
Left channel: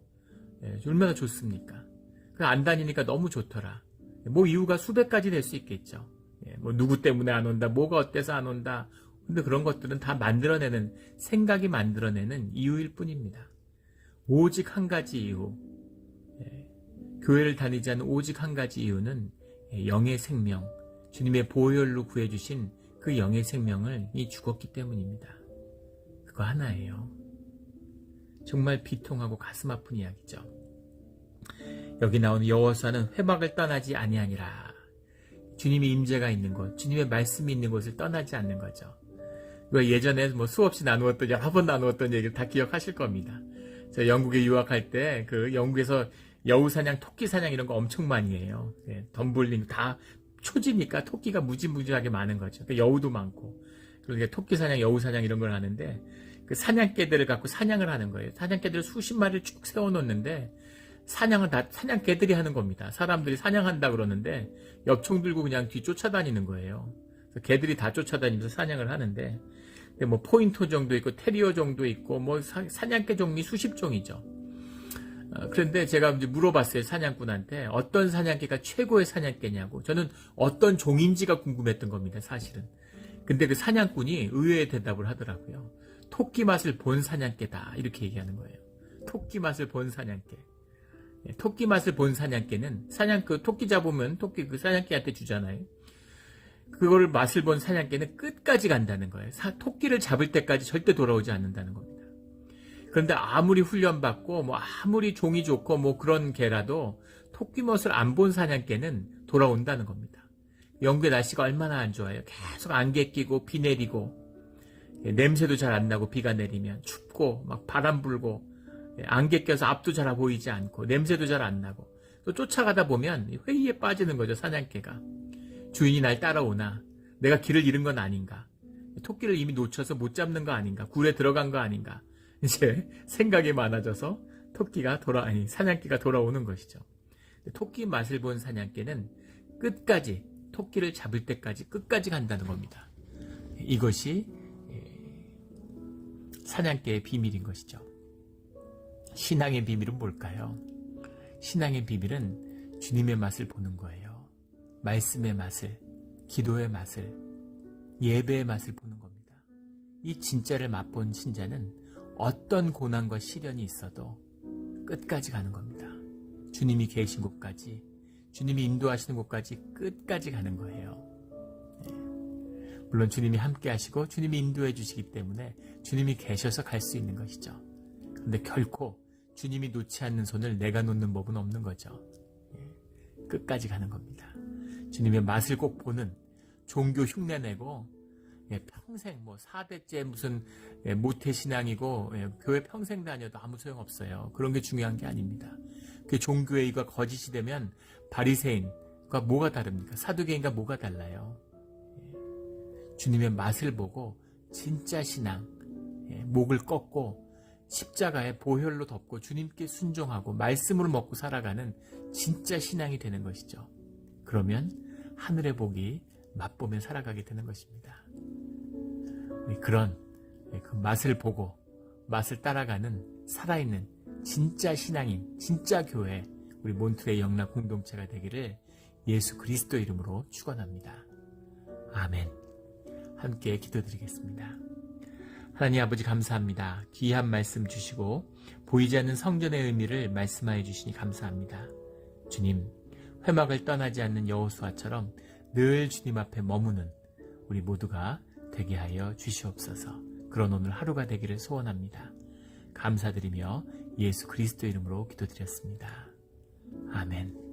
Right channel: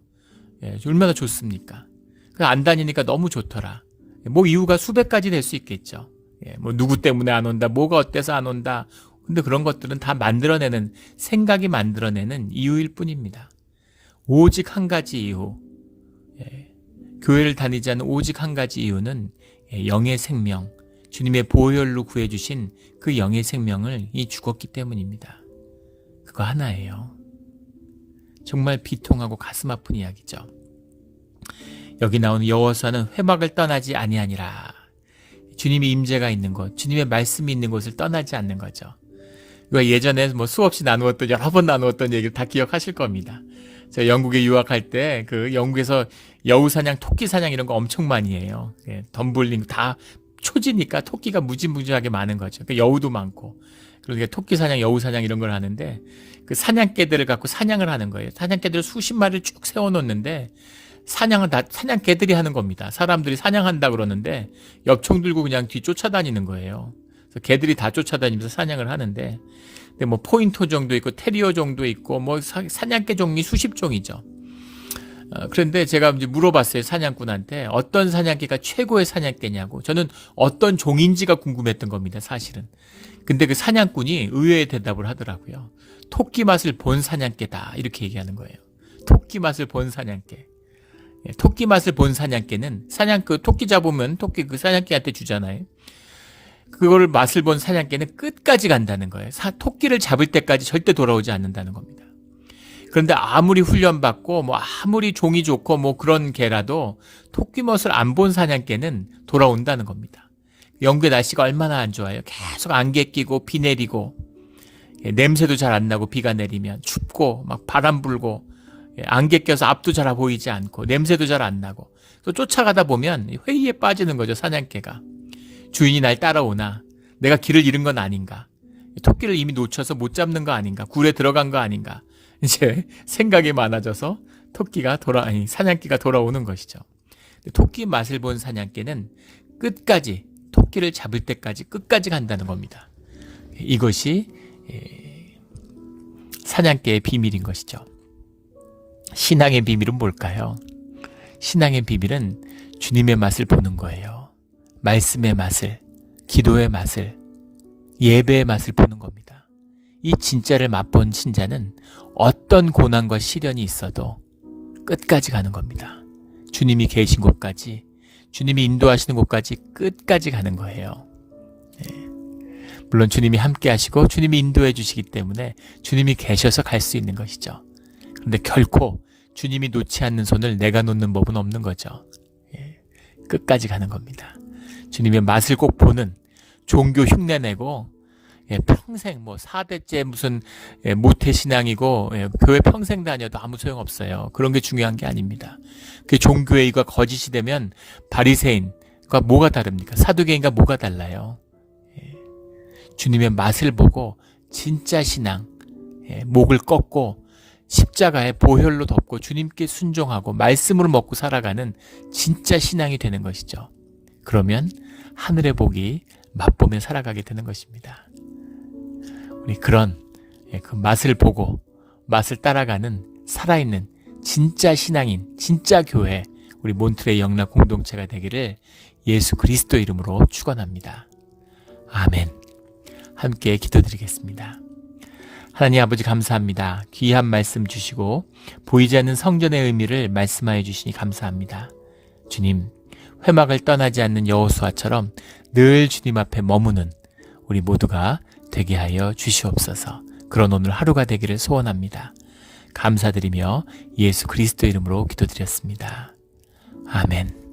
얼마나 좋습니까? 안 다니니까 너무 좋더라. 뭐 이유가 수백 가지 될 수 있겠죠. 뭐 누구 때문에 안 온다, 뭐가 어때서 안 온다. 근데 그런 것들은 다 만들어내는, 생각이 만들어내는 이유일 뿐입니다. 오직 한 가지 이유, 교회를 다니지 않는 오직 한 가지 이유는 영의 생명, 주님의 보혈로 구해주신 그 영의 생명을 죽었기 때문입니다. 그거 하나예요. 정말 비통하고 가슴 아픈 이야기죠. 여기 나오는 여호수아는 회막을 떠나지 아니하니라. 주님의 임재가 있는 곳, 주님의 말씀이 있는 곳을 떠나지 않는 거죠. 이거 예전에 뭐 수없이 나누었던, 여러 번 나누었던 얘기를 다 기억하실 겁니다. 제가 영국에 유학할 때 그 영국에서 여우사냥, 토끼사냥 이런 거 엄청 많이 해요. 덤블링 다 초지니까 토끼가 무지무지하게 많은 거죠. 그러니까 여우도 많고. 그러니까 토끼사냥, 여우사냥 이런 걸 하는데 그 사냥개들을 갖고 사냥을 하는 거예요. 사냥개들을 수십 마리를 쭉 세워놓는데 사냥은 다 사냥개들이 하는 겁니다. 사람들이 사냥한다 그러는데 엽총 들고 그냥 뒤 쫓아다니는 거예요. 그래서 개들이 다 쫓아다니면서 사냥을 하는데, 근데 뭐 포인터 정도 있고 테리어 정도 있고 뭐 사냥개 종이 수십 종이죠. 그런데 제가 이제 물어봤어요. 사냥꾼한테 어떤 사냥개가 최고의 사냥개냐고. 저는 어떤 종인지가 궁금했던 겁니다. 사실은. 근데 그 사냥꾼이 의외의 대답을 하더라고요. 토끼 맛을 본 사냥개다, 이렇게 얘기하는 거예요. 토끼 맛을 본 사냥개. 토끼 맛을 본 사냥개는 토끼 잡으면 토끼 그 사냥개한테 주잖아요. 그거를 맛을 본 사냥개는 끝까지 간다는 거예요. 토끼를 잡을 때까지 절대 돌아오지 않는다는 겁니다. 그런데 아무리 훈련받고 뭐 아무리 종이 좋고 뭐 그런 개라도 토끼 멋을 안 본 사냥개는 돌아온다는 겁니다. 영국의 날씨가 얼마나 안 좋아요. 계속 안개 끼고 비 내리고 냄새도 잘 안 나고, 비가 내리면 춥고 막 바람 불고 안개 껴서 앞도 잘 보이지 않고 냄새도 잘 안 나고, 또 쫓아가다 보면 회의에 빠지는 거죠. 사냥개가 주인이 날 따라오나, 내가 길을 잃은 건 아닌가, 토끼를 이미 놓쳐서 못 잡는 거 아닌가, 굴에 들어간 거 아닌가, 이제 생각이 많아져서 사냥개가 돌아오는 것이죠. 토끼 맛을 본 사냥개는 끝까지, 토끼를 잡을 때까지 끝까지 간다는 겁니다. 이것이 사냥개의 비밀인 것이죠. 신앙의 비밀은 뭘까요? 신앙의 비밀은 주님의 맛을 보는 거예요. 말씀의 맛을, 기도의 맛을, 예배의 맛을 보는 겁니다. 이 진짜를 맛본 신자는 어떤 고난과 시련이 있어도 끝까지 가는 겁니다. 주님이 계신 곳까지, 주님이 인도하시는 곳까지 끝까지 가는 거예요. 물론 주님이 함께 하시고 주님이 인도해 주시기 때문에 주님이 계셔서 갈 수 있는 것이죠. 그런데 결코 주님이 놓지 않는 손을 내가 놓는 법은 없는 거죠. 끝까지 가는 겁니다. 주님의 맛을 꼭 보는, 종교 흉내내고 평생 뭐 4대째 무슨 모태신앙이고 교회 평생 다녀도 아무 소용없어요. 그런 게 중요한 게 아닙니다. 그 종교의가 거짓이 되면 바리새인과 뭐가 다릅니까? 사두개인과 뭐가 달라요? 주님의 맛을 보고 진짜 신앙, 목을 꺾고 십자가에 보혈로 덮고 주님께 순종하고 말씀으로 먹고 살아가는 진짜 신앙이 되는 것이죠. 그러면 하늘의 복이 맛보며 살아가게 되는 것입니다. 우리 그런 그 맛을 보고 맛을 따라가는 살아있는 진짜 신앙인, 진짜 교회, 우리 몬트레이 영락 공동체가 되기를 예수 그리스도 이름으로 축원합니다. 아멘. 함께 기도드리겠습니다. 하나님 아버지 감사합니다. 귀한 말씀 주시고 보이지 않는 성전의 의미를 말씀하여 주시니 감사합니다. 주님, 회막을 떠나지 않는 여호수아처럼 늘 주님 앞에 머무는 우리 모두가 되게 하여 주시옵소서. 그런 오늘 하루가 되기를 소원합니다. 감사드리며 예수 그리스도 이름으로 기도드렸습니다. 아멘.